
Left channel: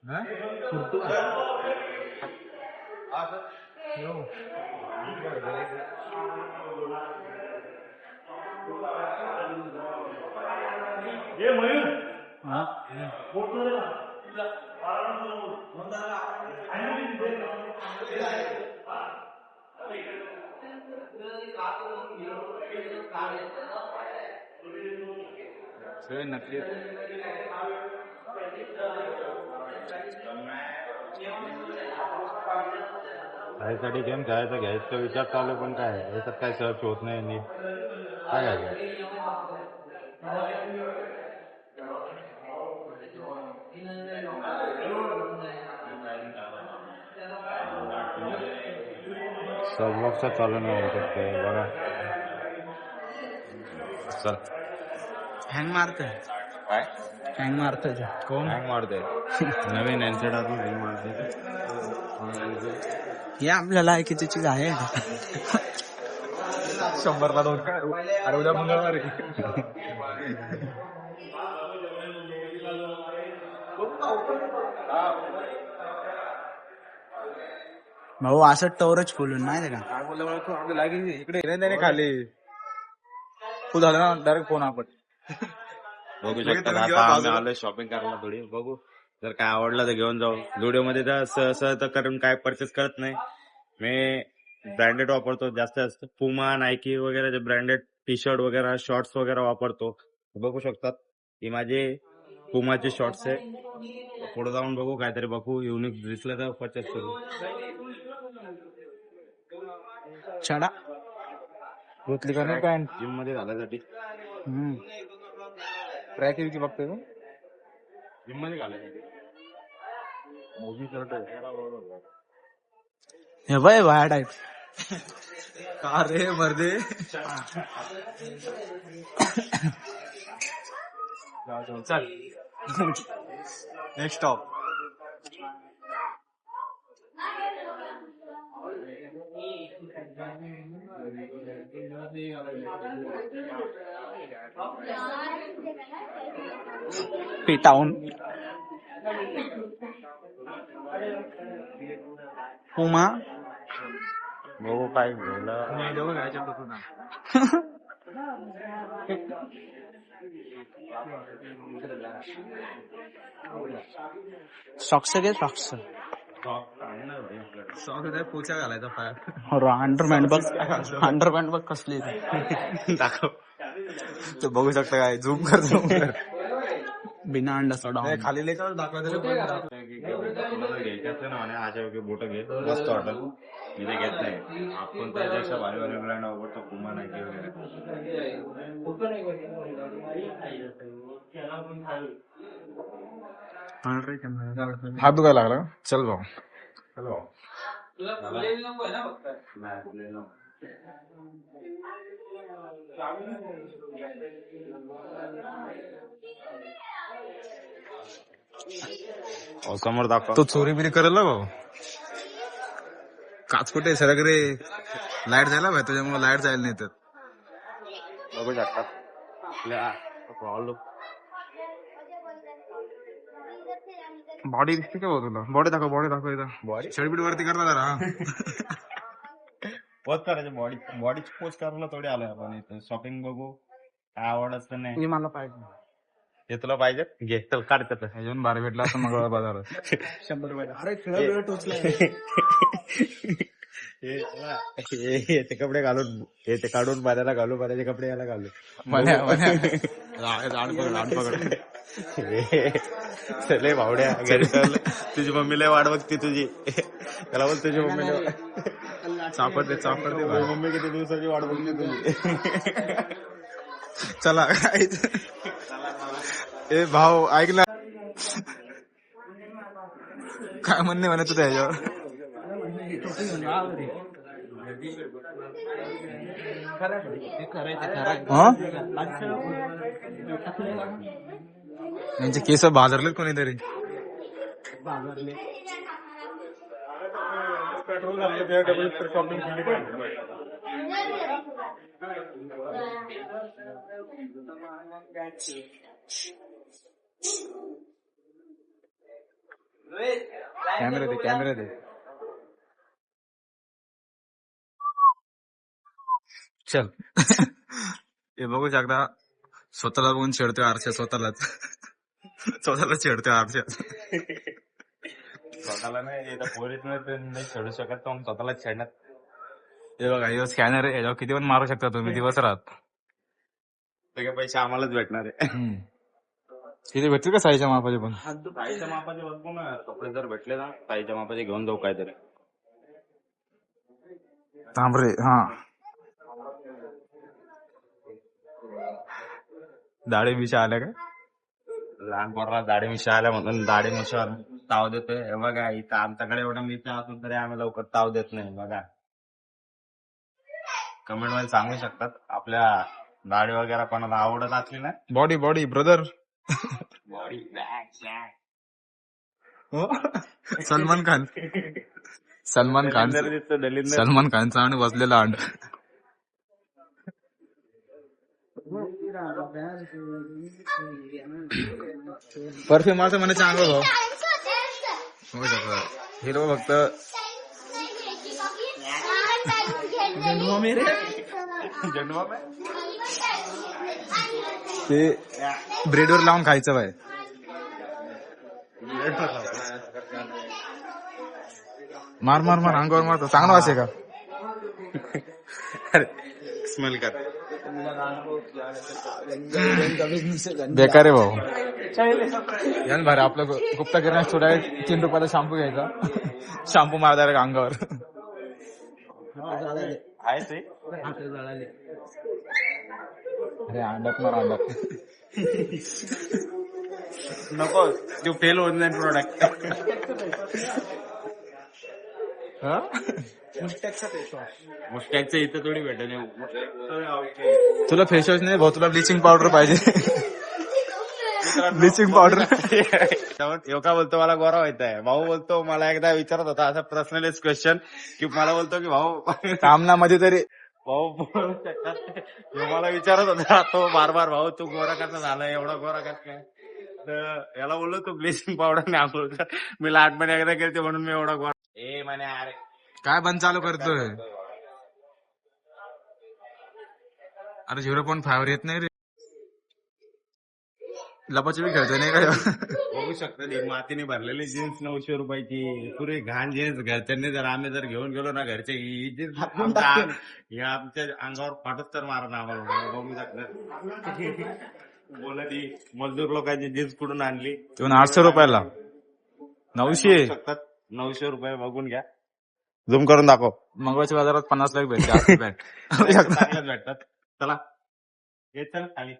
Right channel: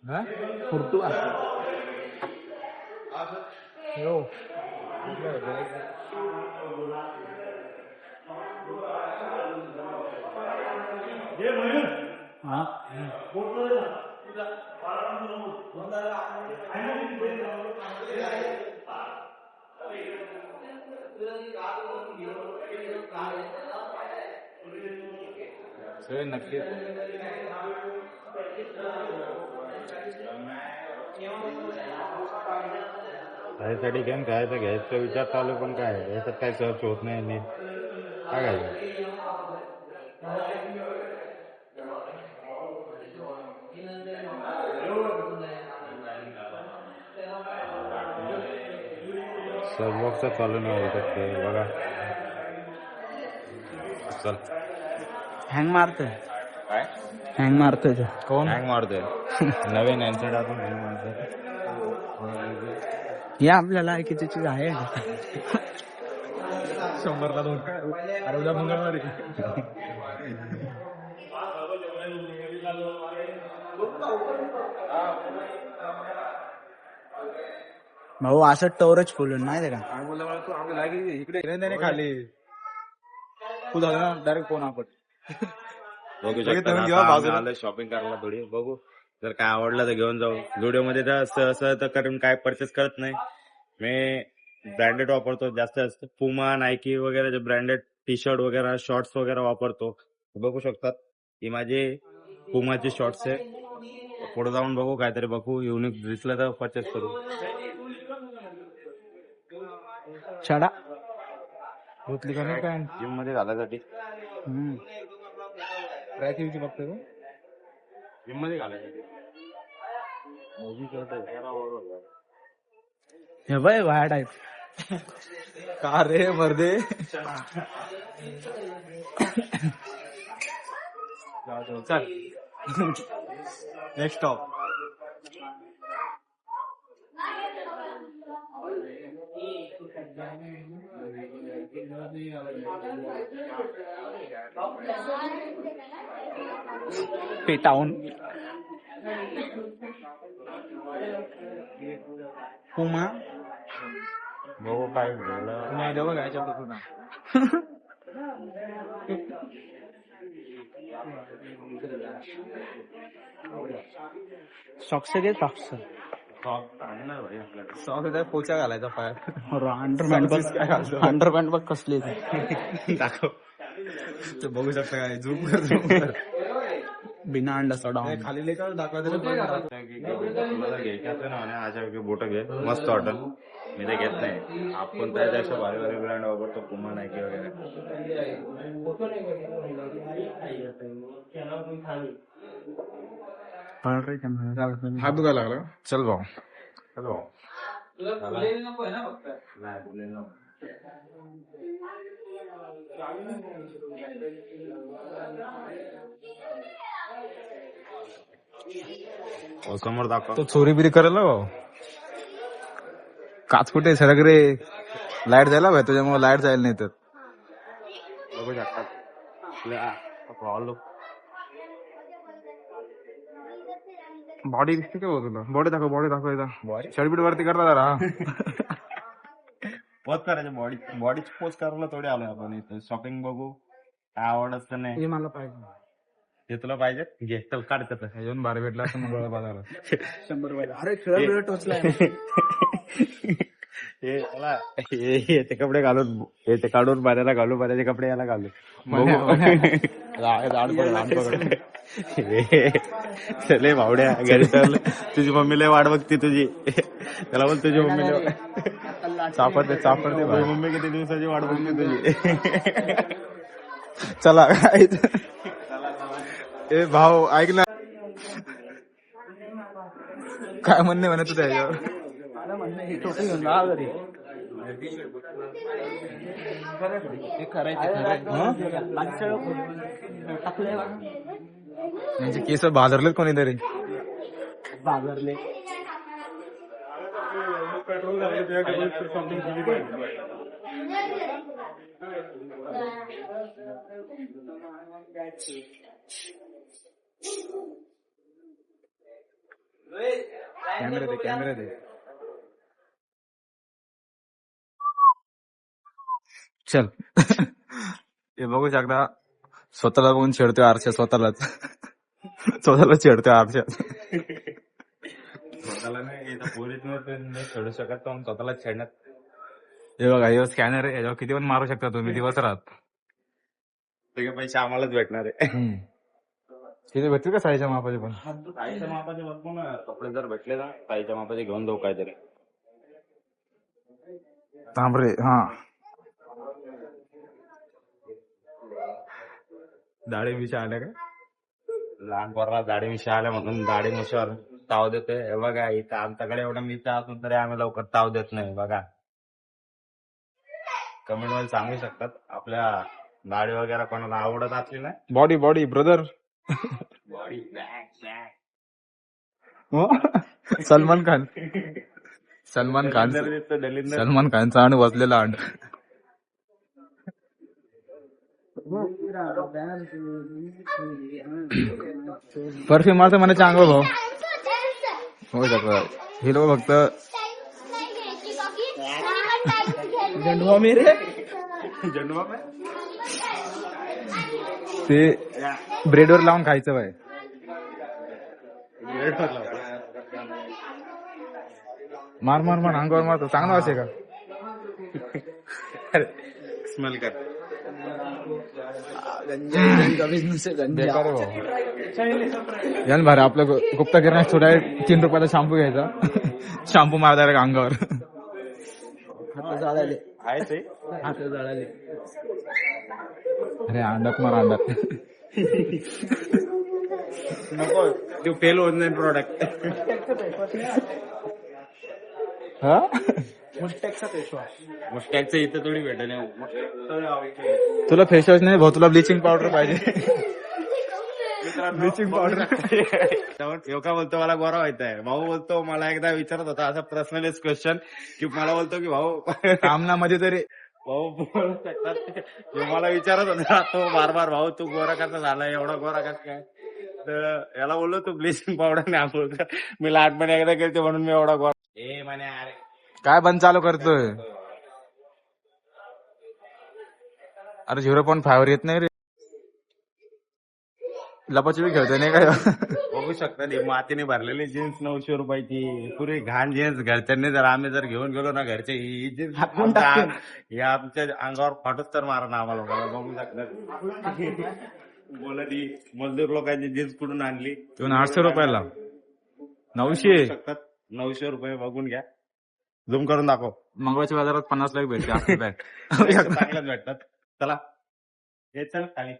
हा? उर्दू हा. नक्की त्यासाठी गेम खेळायचा घ्यायचा विचार चालू आहे, पण काय याच्यात काय सर्च होत नाही नीट. काय घ्यायचं? सबवॉक्सचा चालू नाही होऊ शकते बघा. चल हँग मारतोय काय हँग मारतोय ते. कोण हँग मारते नवीन अँड्रॉइड आपण हँग मारते. हे आपल्या लायकीची चीज आहे का? 100ला 2 काय अरे उद्या मंगळवारी. भाऊ असं टवरच खोलून माहितीये का? काय बोलला मला तू आपल्या लागी इकडे नाही खाली तू झाला ना डायरेक्ट फोन आपण. बघू शकता ना, आता आम्ही आलोय शॉपिंग करायला थोडी. बघू जर काय आवडलं तर घेऊन जाऊ. जुडिओ मध्ये तर असं तर करून काय परचेस करत नाही मी. ब्रँडेड वापरतो जास्त पुमा नायकी वगैरे जे ब्रँडेड टी शर्ट वगैरे शॉर्ट्स वगैरे वापरतो. बघू शकतात ही माझे पुमाचे शॉर्ट्स आहे. पुढे जाऊन बघू काहीतरी बघू युनिक दिसलं तर परचेस करू. छडा धुतली का नाही पॅन्ट जिम मध्ये घालायसाठी. ट्रॅक युजी बघतोय तू. जिम मध्ये घालायसाठी मोदी शर्ट आहे. हे बाय वाया टाईप. का रे मर्दे. चल नेक्स्ट स्टॉप. पेटाऊन पुमा बघू काय घ्यायला. नाही डबल घ्यायच्या तू ना. सॉक्स घे सॉक्स. सॉक्स पोचा घालायचा पाय. अंडरपॅन्ट बघ अंडरपॅन्ट बघ कसली दाखव. तू बघू शकता काय झूम कर. बिना अंडाचा डाऊन. खाली लेकर दाखवायचं. तुला घ्यायचं असलं ना म्हणे अशा वगैरे बोट घे मस्त वाटेल. मी ते घेत नाही. आपण त्याच्यापेक्षा भारी भारी ब्रँड वापरतो पुमा नायकी वगैरे. हात दुखायला लागला. चल भाऊ. चलो समोर दाखव. तो चोरी बिरी करेल ना भाऊ. काच कुठे सगळं रे. लाईट जायला भाई तुझ्यामुळे लाईट जायला नाही तर. बघू शकतात बॉडी दिसते का भाऊ तुला. बॉडी दाखव एकदा. बॉडी शर्टबीट वरती करता जरा. पोच करायचे. बॉडीची पोच करायला थोडी आलोय आपण इथं. शॉपिंग बघू काय आवड असतं नाही. मला पाहिजे हे तुला पाहिजे घे चल काढ. ह्याच्यावर बारा भेटला असं मंगळवार बाजारात. 100 रुपये. अरे खेळा वेळ टोचलाय. हे ते कपडे घालून हे ते काढून बाजाराला घालू. बाजाराचे कपडे याला घालू. आड पकड. चले भावड्या घरी चल. तुझी मम्मी लय वाट बघते तुझी. त्याला बोल तुझी मम्मी चापड दे भाई. मम्मी किती दिवसाची वाट बघते तुझी. चला. ए भाऊ ऐक ना. काय म्हणणे म्हणे तुझ्या ह्याच्यावर. टोपी घेऊन जा घरी. म्हणजे केस भाजरलेत कोणीतरी. बाजारले कॅमेरा दे. चल. हे बघू शकता स्वतःला बघून छेडतोय आरशात. स्वतःलाच छेडतोय आरशात. स्वतःला नाही पोरीत नाही खेळू शकत तो स्वतःला छेडण्यात. हे बघा हे स्कॅनर आहे. याच्यावर किती पण मारू शकता तुम्ही दिवस रात. सगळे पैसे आम्हालाच भेटणार आहे. किती भेटतील का साईच्या मापाचे पण. ताईच्या मापाचे बघू ना. कपडे जर भेटले ना ताईच्या मापाचे घेऊन जाऊ काहीतरी. तांबरे हा दाढी विषय आल्या काय? लहान पोराला दाढी मिशा आल्या म्हणून दाढी मिशावर ताव देतोय. हे बघा इथं आमच्याकडे एवढा मिशा असून तरी आम्ही लवकर ताव देत नाही. बघा कमेंट मध्ये सांगू शकतात आपल्या दाढी वगैरे कोणाला आवडत असली ना. Body body brother Salman Khan Salman Khan Salman खानचा आणि बसलेला अंड परफ्यूम माझं मला चांगलं भाऊ हो शकत हे लोक फक्त ते ब्रेडवर लावून खायचं बाय मार मार मार अंगावर मारतो चांगला वासे का स्मेल कर. बेकार आहे भाऊ यान भारी आपल्या गुप्तागिरी थोड्या 3 रुपयाला शॅम्पू घ्यायचा शॅम्पू मारता अंगावर अरे अंडात मार अंडात नको तू फेल होत नाही प्रोडक्ट. मुस्टॅकचं इथं थोडी भेटत नाही. तुला फेस वॉश नाही भाऊ तुला ब्लिचिंग पावडर पाहिजे ब्लिचिंग पावडर यो का बोलतो मला गोरा व्हायचंय. भाऊ बोलतो मला एकदा विचारत होता असं पर्सनलीच क्वेश्चन की मला बोलतो की भाऊ सामनामध्ये तरी भाऊ बोलू शकतात. तो मला विचारत होता तो बार बार भाऊ तू गोरा कसा झाला एवढा गोरा कसा काय. तर याला बोललो तू ब्लिचिंग पावडर नाही आंघोळ कर. मी लहानपणी एकदा केलते म्हणून मी एवढा गोरा. ए म्हणे अरे काय बंद चालू करतोय अरे 0.5 येत नाही रे लपाछपी खेळतोय नाही काय बघू शकता ते मातीने भरलेली जीन्स 900 रुपयाची पुरी घाण जीन्स. घरच्यांनी जर आम्ही जर घेऊन गेलो ना घरचे ही जीन्स आमच्या अंगावर फाटत तर मारा ना आम्हाला. बघू शकतात बोलत ही मजदूर लोकांची जीन्स कुठून आणली. 800 रुपयाला 900 900 रुपये बघून घ्या. झूम करून दाखव. मंगळवारच्या बाजारात 50 लाख भेटते बॅट चांगल्याच भेटतात. चला ये चल खाली.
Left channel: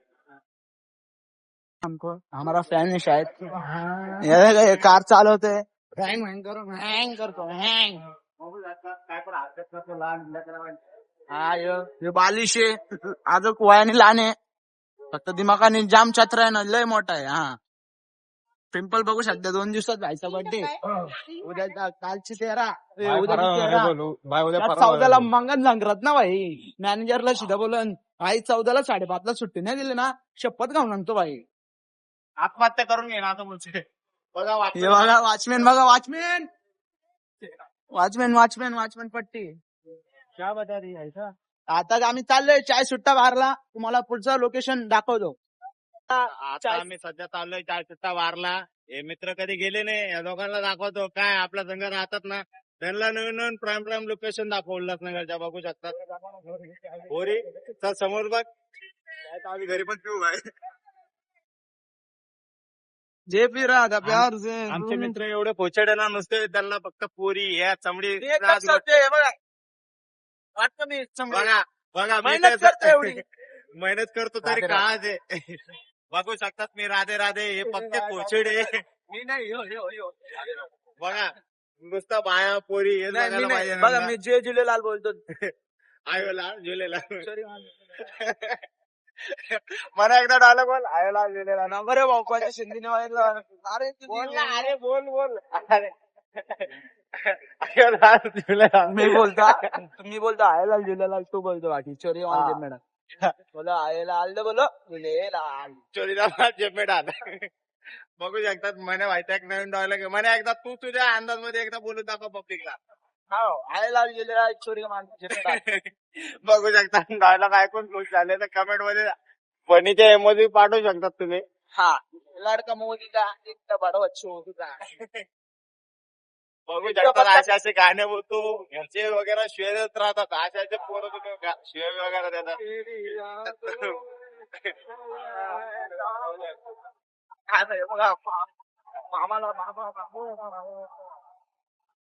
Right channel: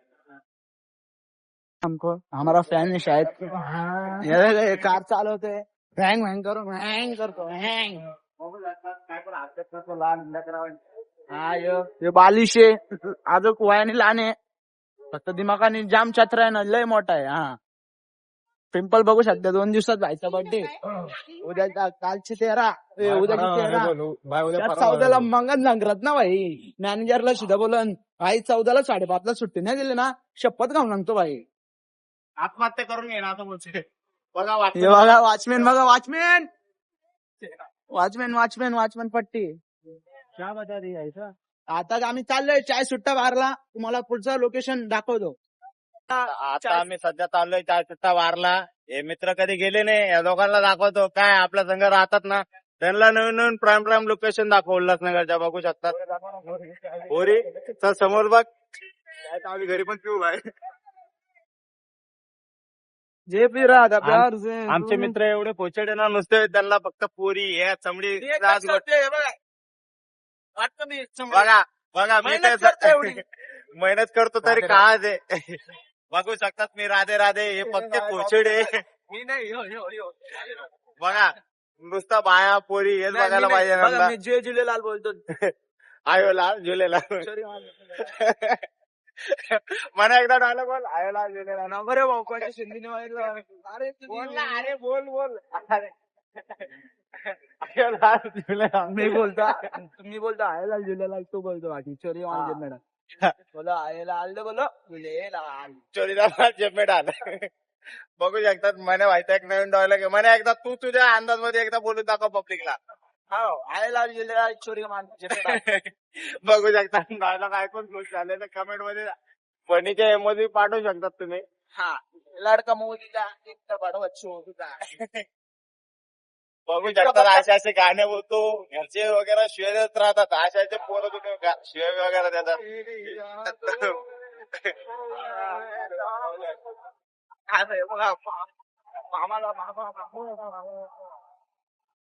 हमको हमारा फैन है शायद ये कार चालवते हँग हँग करो हँग करतो हँग. हा ये बालिश आहे आज वयाने लहान आहे फक्त दिमागाने जाम छत्र आहे ना लय मोठा आहे. हा पिंपल बघू शकता 2 दिवसात भाईचा बर्थडे उद्या कालची 13 उद्याची 13 त्यात 14ला मंगन नांगरत ना भाई. मॅनेजरला सुद्धा बोलन भाई 14ला 5:30ला सुट्टी नाही दिली ना शपथ घालून आणतो भाई. आत्महत्या करून घे ना आता बोलते. बघा हे बघा वॉचमॅन बघा वॉचमॅन वॉचमॅन वॉचमॅन वॉचमॅन पट्टी क्या बता रही है ऐसा. आता आम्ही चाललोय चाय सुट्टा बारला तुम्हाला पुढचं लोकेशन दाखवतो. आता आम्ही सध्या चाललोय चाय सुट्टा वारला. हे मित्र कधी गेले नाही या दोघांना दाखवतो काय आपल्या संघ राहतात ना त्यांना नवीन नवीन प्राईम प्राईम लोकेशन दाखव उल्हासनगरच्या. बघू शकतात पोरी चल समोर बघ. आम्ही घरी पण पिऊ भाई. जे पी रहा था प्यार से आमचे मित्र एवढे पोचेडे ना नुसते त्यांना फक्त पोरी या चमडी बघा बघा मी मेहनत करतो तरी का दे. बघू शकतात मी राधे राधे हे फक्त पोचेडे मी नाही बघा नुसता बाया पोरी हेच बघायला पाहिजे. बघा मी जय झुलेलाल बोलतो. आयो लाल झुलेलाल मला एकदा डायलॉग बोल. आयो लाल झुलेलाल ना बरे भाऊ कोणत्या सिंधीने अरे बोल ना अरे बोल बोल. अरे आयो लाल झुलेलाल मी बोलतो तुम्ही बोलतो आयलाल झुलेलाल तू बोलतो बाकी चोरी वाले मॅडम बोला आयलाल बोलो झुलेलाल चोरीला जमेडाल. बघू शकतात मला माहिती एक नवीन डायलॉग आहे. मला एकदा तू तुझ्या अंदाज मध्ये एकदा बोलून दाखव पब्लिकला. हो आयलाल झुलेलाल चोरी बघू शकता डायलॉग ऐकून खुश झाले तर कमेंट मध्ये फनीचे इमोजी पाठवू शकतात तुम्ही. हा लडका मोदी का एक बडा बच्चू बघू शकतात असे असे गाणे बोलतो घरचे वगैरे शिवे देत राहतात. अशाचे पोरं तुम्ही शिवे वगैरे देतात. मामाला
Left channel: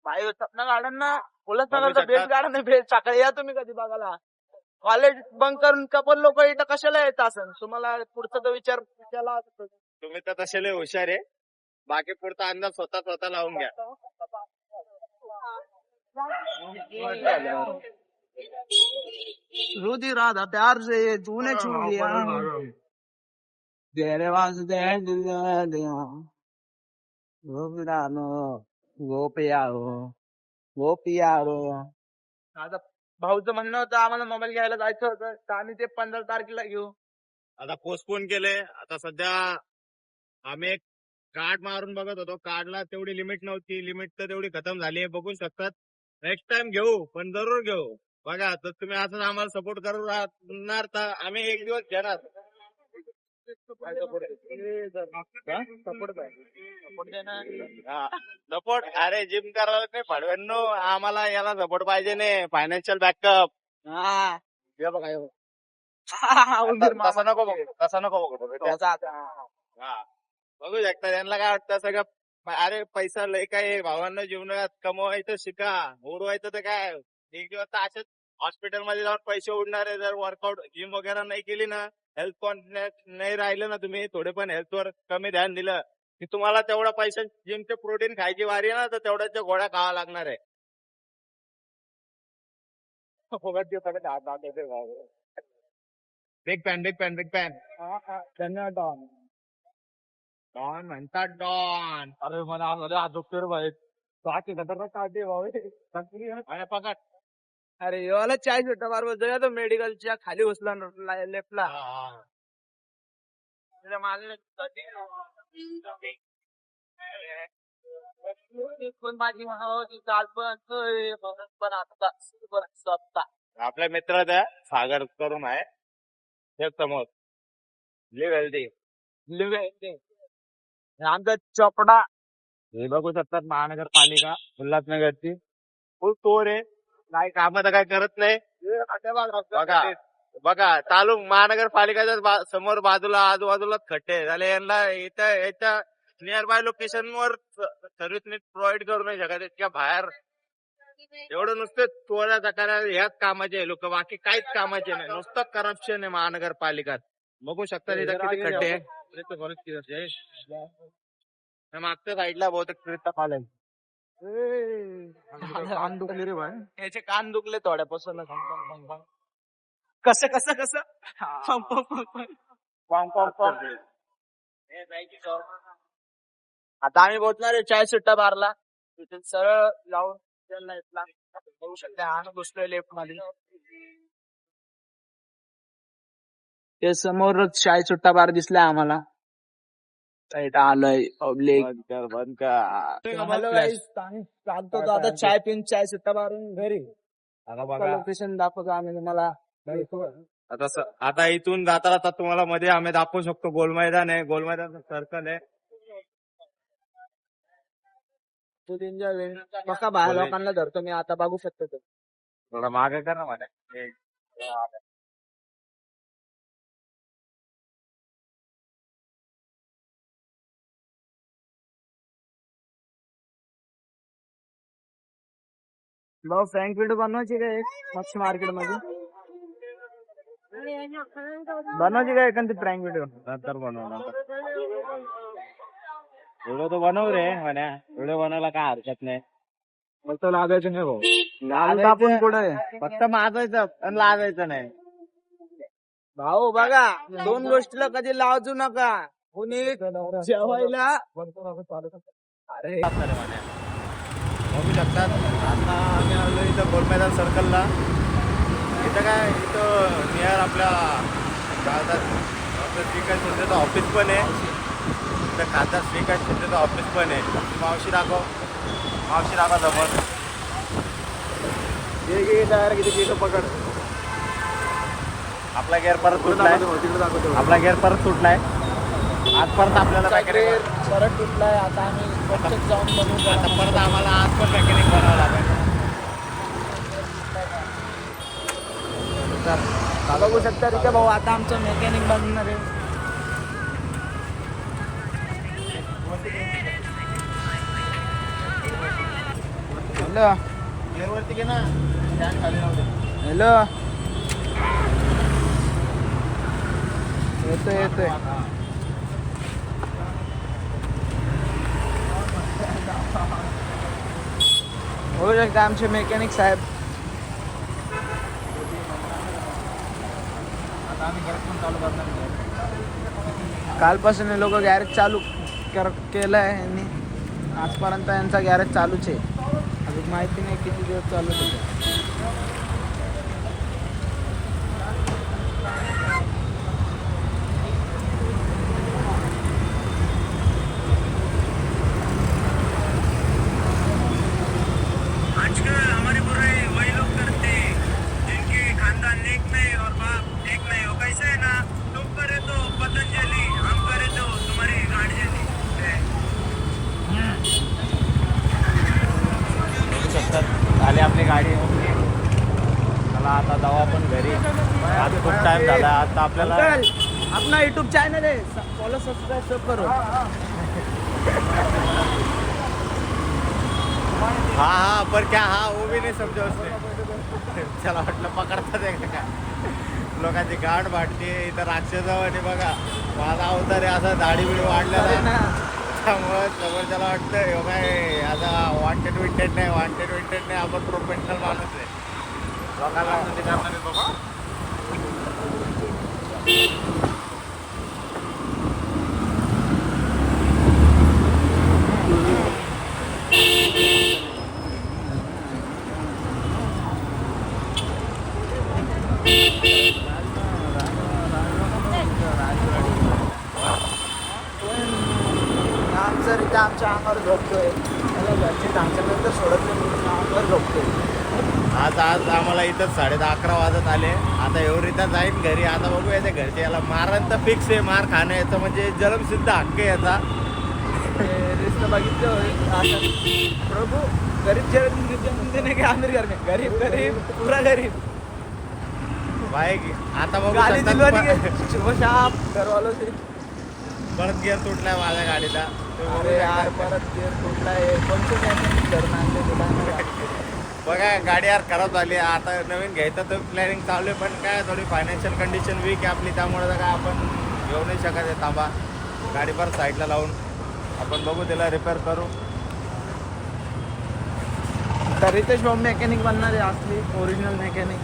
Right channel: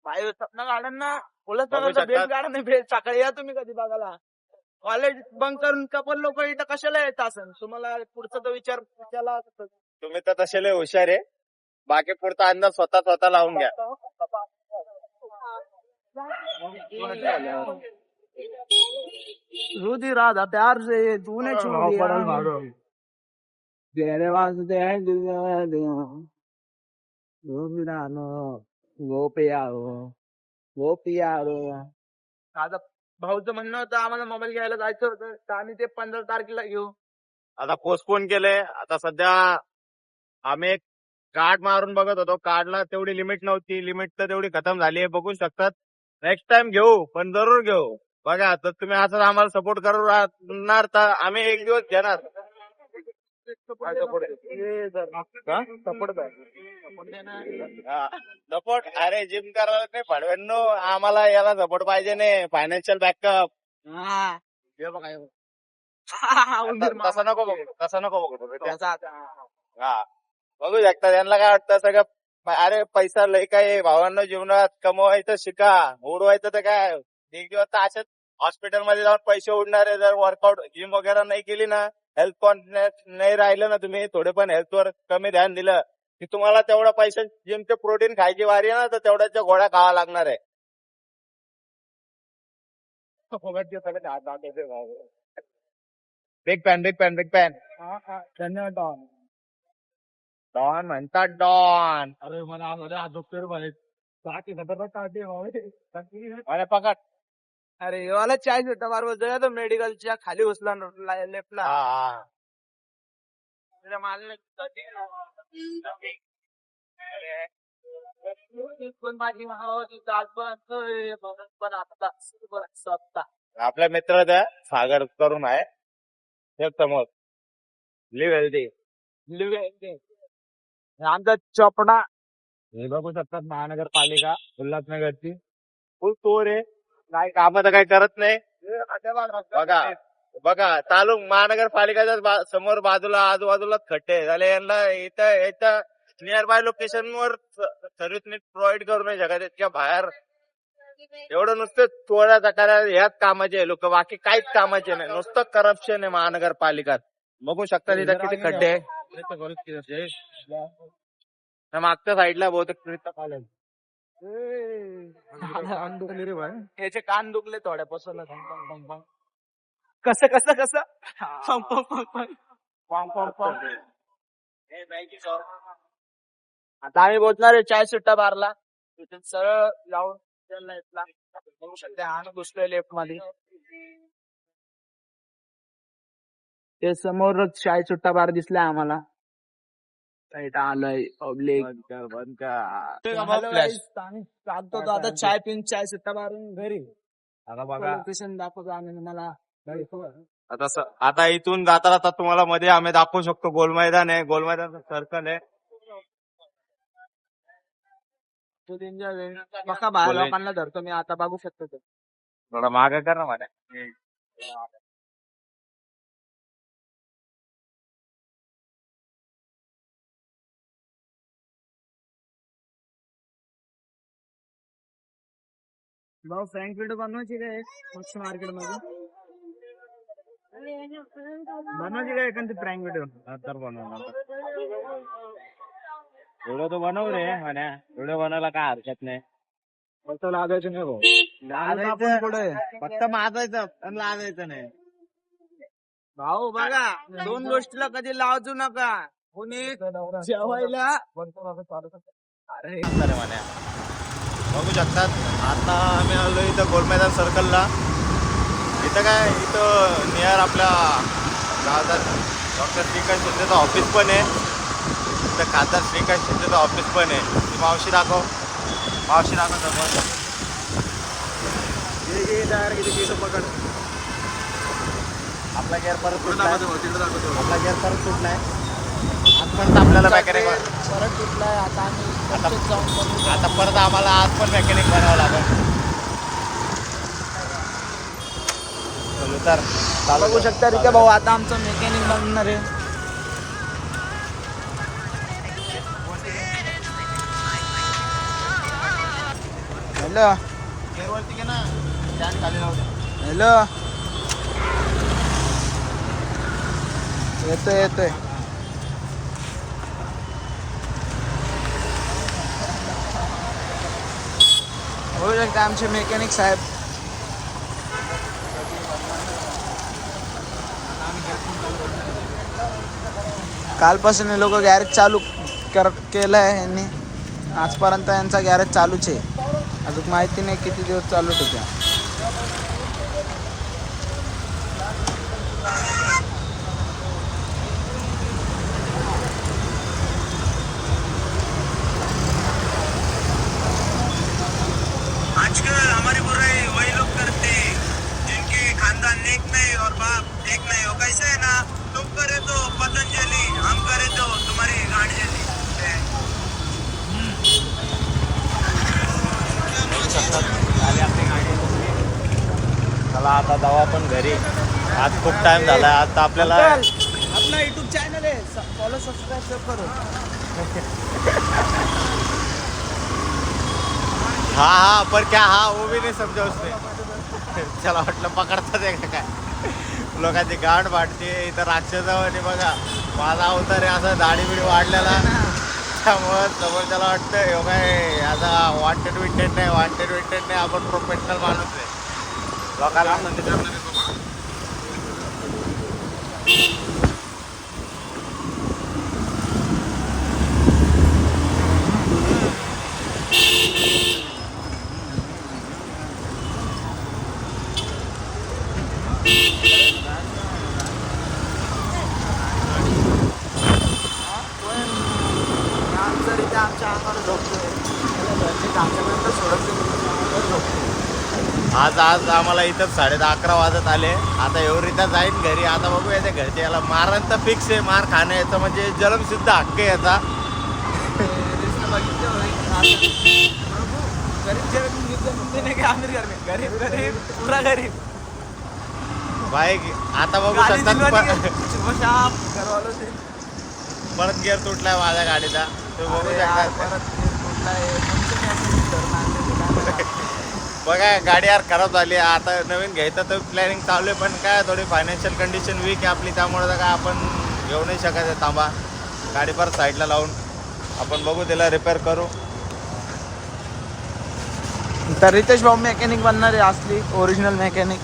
भाई सपना गार्डन ना बघू उल्हासनगरचं शकतात. बेस्ट गार्डन आहे बेस्ट. सकाळी या तुम्ही कधी बघायला. कॉलेज बंक करून कपल लोक इथं कशाला येत असन तुम्हाला पुढचा तो विचार केला असता. तुम्ही तर तसे लय हुशार आहे. बाकी पुढचा अंदाज स्वतः लावून घ्या. रुधि राधा प्यार से तूने छू लिया तेरे वास्ते वो पियारो. आता भाऊचं म्हणणं होतं आम्हाला मोबाईल घ्यायला जायचं होतं तर आम्ही ते 15 तारखेला घेऊ. आता पोस्टपोन केले. आता सध्या आम्ही एक कार्ड मारून बघत होतो. कार्डला तेवढी लिमिट नव्हती. लिमिट तर तेवढी खतम झाली आहे. बघू शकतात. नेक्स्ट टाइम घेऊ, पण जरूर घेऊ. बघा तर तुम्ही असं आम्हाला सपोर्ट करू राहणार तर आम्ही एक दिवस घेणार. सपोर्ट अरे जिम करायला नाही फडव्यांनो. आम्हाला याला सपोर्ट पाहिजे नाही. Financial backup. हे बघा हे बघा. तसं नको बघू. तसं नको बघू. हा बघू शकता. त्यांना काय वाटतं सगळं अरे पैसा लय काय भावांना जीवनात कमवायचं शिका. उडवायचं तर काय एक दिवस तर असेच हॉस्पिटलमध्ये जाऊन पैसे उडणारे. जर वर्कआउट जिम वगैरे नाही केली ना, हेल्थ कॉन्शियस नाही राहिलं ना, तुम्ही थोडे पण हेल्थवर कमी ध्यान दिलं की तुम्हाला तेवढा पैसा जिमचे प्रोटीन खायची वारी आहे ना तर तेवढ्याच्या गोळ्या खावा लागणार आहे. बिग पॅन डॉन म्हणतात डॉन. अरे मला डॉक्टर भाई काढते अरे पकड. अरे वाला चाय सुट्टा मारवा जगा तो मेडिकलच्या खाली उचला लेफ्टला. आपल्या मित्राचा सागर करून आहे हे समोर. Live healthy. आमचा चोपडा हे बघू शकतात महानगरपालिका उल्हासनगरची. फुल चोर आहे. काय काम तर काही करत नाही. बघा बघा चालू महानगरपालिकाच्या समोर बाजूला आजूबाजूला खड्डे झाले. यांना इथं नियर बाय लोकेशन वर सर्व्हिस नीट प्रोव्हाइड करू नाही शकत. इतक्या बाहेर एवढं नुसतं चोऱ्या करा ह्याच कामाचे आहे लोक. बाकी काहीच कामाचे नाही. नुसतं करप्शन आहे महानगरपालिकात. बघू शकता इथं किती खड्डे आहे. मागच्या साईडला बहुतेक ट्रेनचा कॉलेज. याचे कान दुखले थोड्यापासून. कसं कसं कसं आता आम्ही पोहोचणार आहे चाय सुट्टा बारला. तिथे सरळ जाऊन बघू शकता. हा घुसलोय लेफ्ट मध्ये. ते समोरच चाय सुट्टा बार दिसलाय आम्हाला. आलोय पब्लिक. हॅलो गाईस, आम्ही सांगतो आता चाय पिऊन चाय सुट्टा मारून घरी. लोकेशन दाखवतो आम्ही तुम्हाला. आता इथून जाता तुम्हाला मध्ये आम्ही दाखवू शकतो गोल मैदान आहे. गोल मैदान सर्कल आहे. बघा बाहेर लोकांना धरतो मी आता. बघू शकतो ते थोडा मागे कर ना माझ्या. भाऊ फ्रँक व्हिडिओ बनवायची काय मच्छी मार्केट मध्ये बनवायची काय एखादी फ्रँक व्हिडिओ. नंतर बनव नंतर. व्हिडिओ तो बनव रे म्हण्या. व्हिडिओ बनवायला काय हरकत नाही. लागायचं नाही भाऊ. आपण पुढे फक्त माजायचं पण लाजायचं नाही. भाऊ बघा 2 गोष्टीला कधी लावजू नका. कुणी जेवायला अरे बघू शकतात. आता आम्ही आलो इथं गोल मैदान सर्कलला. इथं काय इथं नियर आपल्या गावात डॉक्टर श्रीकांत शिंदेचं ऑफिस पण आहे. इथं खासदार श्रीकांत शिंदेचं ऑफिस पण आहे. ती मावशी दाखव. मावशी दाखवा तुम्ही. आपला गेअर परत पुढे दाखवतो तिकडे दाखवतो. आपला गेअर परत सुटलाय. आज परत आपल्याला मेकॅनिक परत तुटलाय. आता आम्ही पंचायत जाऊन बनवू. आता परत आम्हाला आज पण मेकॅनिक बनावं लागेल. तर बघू शकता रिका भाऊ आता आमचं मेकॅनिक बनणार आहे. हॅलो गेअरवरती घे ना, स्टँड खाली राहू दे. हॅलो येतोय येतोय. होऊ शकते आमचे मेकॅनिक साहेब. आता आम्ही गॅरेज पण चालू करणार आहे. कालपासून हे लोक गॅरेज चालू केलंय यांनी. आजपर्यंत यांचा गॅरेज चालूच आहे. अजून माहिती नाही किती दिवस चालू होत्या. आजकल हमारी बुराई वही लोग करते हैं जिनके खानदान नेक नहीं और बाप नेक नहीं हो. कैसे है ना, तुम करे तो पतंजलि, हम करे तो तुम्हारी गाड़ी. झाली आपली गाडी. मला आता दवा पण घरी. आज खूप टाइम झाला. आता आपल्याला अपना यूट्यूब चॅनल आहे, फॉलो सबस्क्राईब सब करो. हाँ पर क्या हाँ वो भी नहीं समझा उसने. चला म्हटलं पकडतात आहे काय. लोकांची गाठ वाटते इथं. राक्षसावानी बघा माझा अवतार आहे, असं दाढी बिडी वाढलेला आहे. त्यामुळं समोर त्याला वाटतं हे काय आता वॉन्टेड विंटेड नाही, आपण प्रोफेशनल माणूस आहे. लोकांना करणार आहे बाबा. जर इथे आमच्या अंगावर झोपतोय, त्याला घरचे टाकल्यानंतर सोडत नाही, अंगावर झोपतोय. आज आम्हाला इथं 11:30 वाजत आले. आता एवढीता जाईन घरी. आता बघूया ते घरचे याला मारण तर फिक्स आहे. मार खाणं याचं म्हणजे जलमसिद्ध हक्क आहे याचा. रिश्ता बघितले होय प्रभू. गरीब जगत की आमिर घर में गरीब गरीब पुरा गरीब. बाई आता बघू गाली शकता दिलवानी प- सुबह शाम घरवालों से. परत गिअर तुटलाय माझ्या गाडीचा. तो अरे बघू यार शकता. परत गिअर कुठला आहे, कोणते मॅकॅनिक करून आणले ते काय माहिती. बघा गाडी यार खराब झाली. आता नवीन घ्यायचं तर प्लॅनिंग चालू आहे, पण काय थोडी फायनान्शियल कंडिशन वीक आहे आपली. त्यामुळे काय आपण घेऊ नाही शकत आहे. थांबा गाडी परत साईडला लावून आपण बघू, त्याला रिपेअर करू. तर रितेश भाऊ मेकॅनिक बनणार आहे, असली ओरिजिनल मेकॅनिक.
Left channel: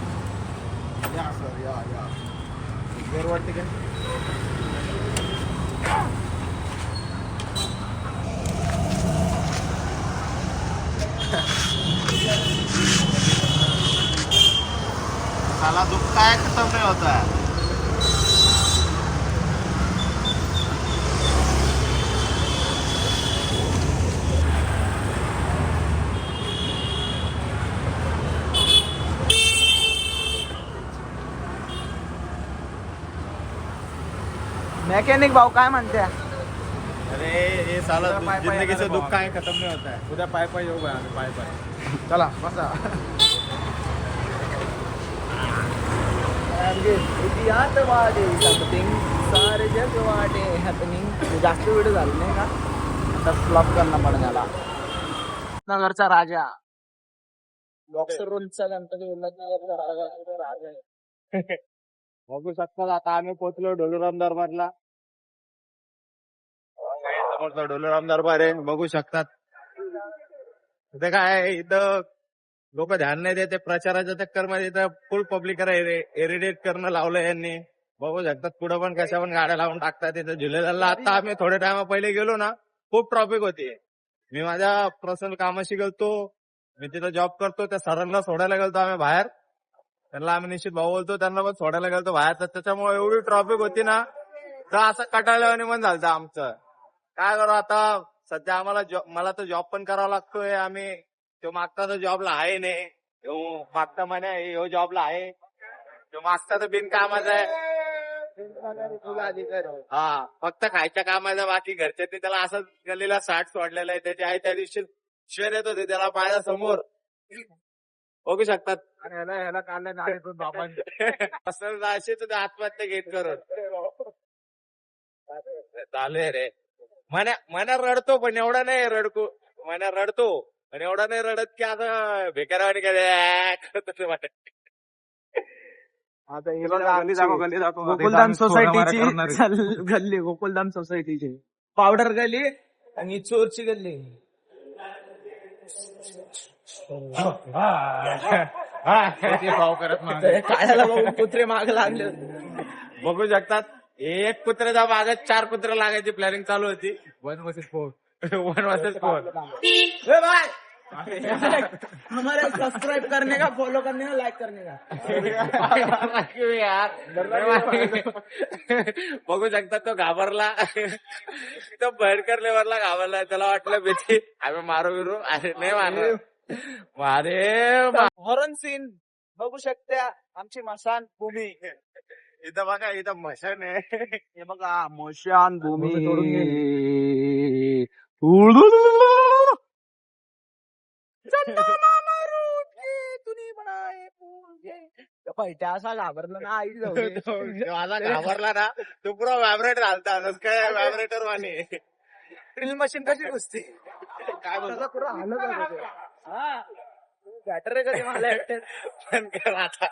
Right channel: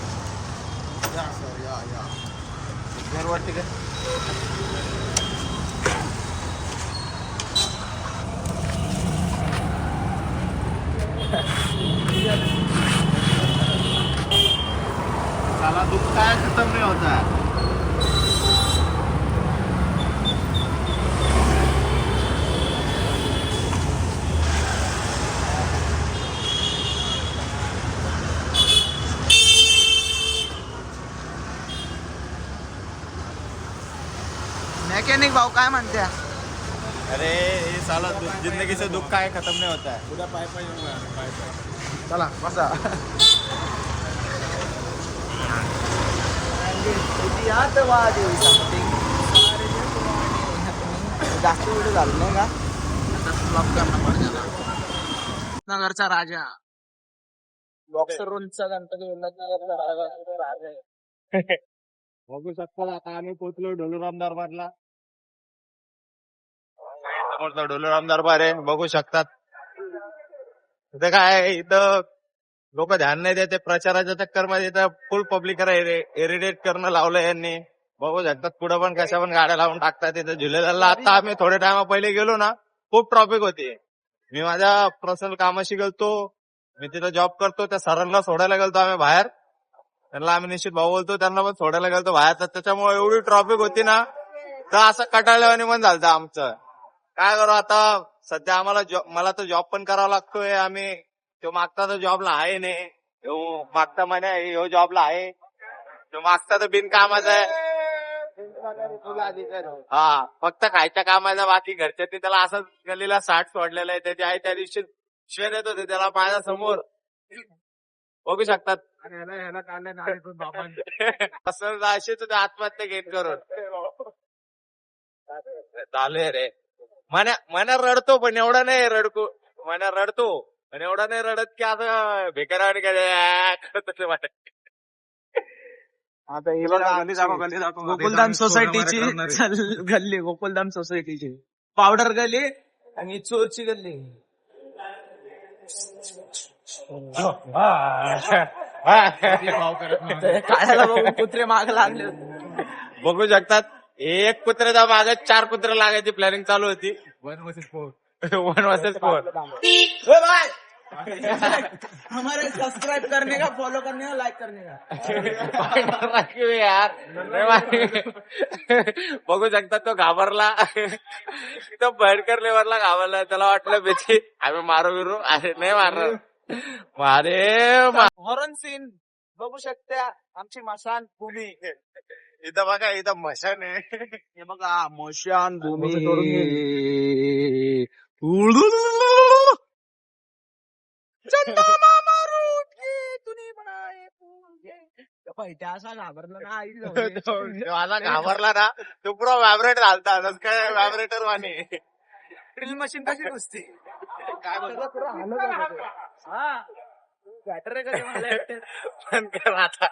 या सर या. गिअरवरती काय साला दुखता है खत्म नहीं होता है. मेकॅनिक भाऊ काय म्हणत्या. अरे ये साला जिंदगी से दुख का है खत्म नहीं होता है. उद्या पाय येऊ बाय आम्ही पाय. चला बसा. इतिहासवादी समथिंग सारे जगवाडे हॅपनिंग. जास्त व्हिडिओ झाले नाही का, आता फ्लॉप करणं पडेल त्याला. नगरचा राजा बॉक्सर रोलचा गणपती उल्हासनगरचा राजा. बघू शकता आता आम्ही पोहोचलो ढोलुराम दरबारला. समोरचा ढोलुराम दरबार आहे, बघू शकतात. इथं काय आहे, इथं लोक ध्यान नाही देते. प्रचाराच्या चक्करमध्ये इथं फुल पब्लिक एरिडेट करणं लावलं यांनी. बघू शकतात पुढे पण कशा पण गाड्या लावून टाकतात. इथं झुलेलाला आता आम्ही थोड्या टायमा पहिले गेलो ना, खूप ट्रॉफिक होती. मी माझ्या पर्सनल कामाशी गेलतो. मी तिथं जॉब करतो. त्या सरांना सोडायला गेलतो आम्ही बाहेर. त्यांना आम्ही निश्चित भाऊ बोलतो, त्यांना पण सोडायला गेलतो बाहेर. तर त्याच्यामुळे एवढी ट्रॉफिक होती ना, तर असं कटाळल्यावानी पण झालं आमचं. काय करू आता, सध्या आम्हाला मला तर जॉब पण करावा लागतोय. आम्ही तो मागता तर जॉबला आहे नाही, मागता म्हणे ह्यो जॉबला आहे. तो मागता तर बिनकामाचा आहे. हा फक्त खायच्या कामाचा, बाकी घरच्यांनी त्याला असं गल्लीला 60 सोडलेलं आहे. त्याची आई त्या दिवशी शेर येत होते त्याला पाया समोर. बघू शकतात. ह्याला काढल्या नाडीतून बाबांनी. असं अशीच आत्महत्या घेत करून चालू रे. मना रडतो, पण एवढा नाही रडतो. मना रडतो आणि एवढा नाही रडत की आता बेकारावानी काय तसे वाटत. आता हे बघा आमची गोकुलधाम सोसायटीची गल्ली, गोकुलधाम सोसायटीची पावडर गली आणि चोरची गल्ली. भाव करत नाही. कायला बघून कुत्रे माग लागले. बघू शकतात एक कुत्र्याचा मागत 4 कुत्रे लागायची प्लॅनिंग चालू होती. 1 vs 4. 1 vs 4. ए भाई हमारे सब्सक्राइब करने का, फॉलो करने का, लाइक करने का. यार बघू शकतात तो घाबरला. तो भयंकर लेवलला घाबरला. त्याला वाटलं भीती आम्ही मारू बिरू अरे नाही मारू मारे. हॉरन सीन बघू शकता आमची मशान भूमी. इथं बघा इथं मशान आहे. हे बघा मशान भूमी. चंदा मामा रूठ के तूने बनाए फूल. पैठ्या असा घाबरला ना आई जाऊ दे. मला घाबरला ना तो पुरा व्हायब्रेट घालता काय व्हायब्रेटर वाणी. ड्रिल मशीन कशी घुसते काय बोलतो पुरा हालत होता ते. हा बॅटरी कधी मला पण कर आता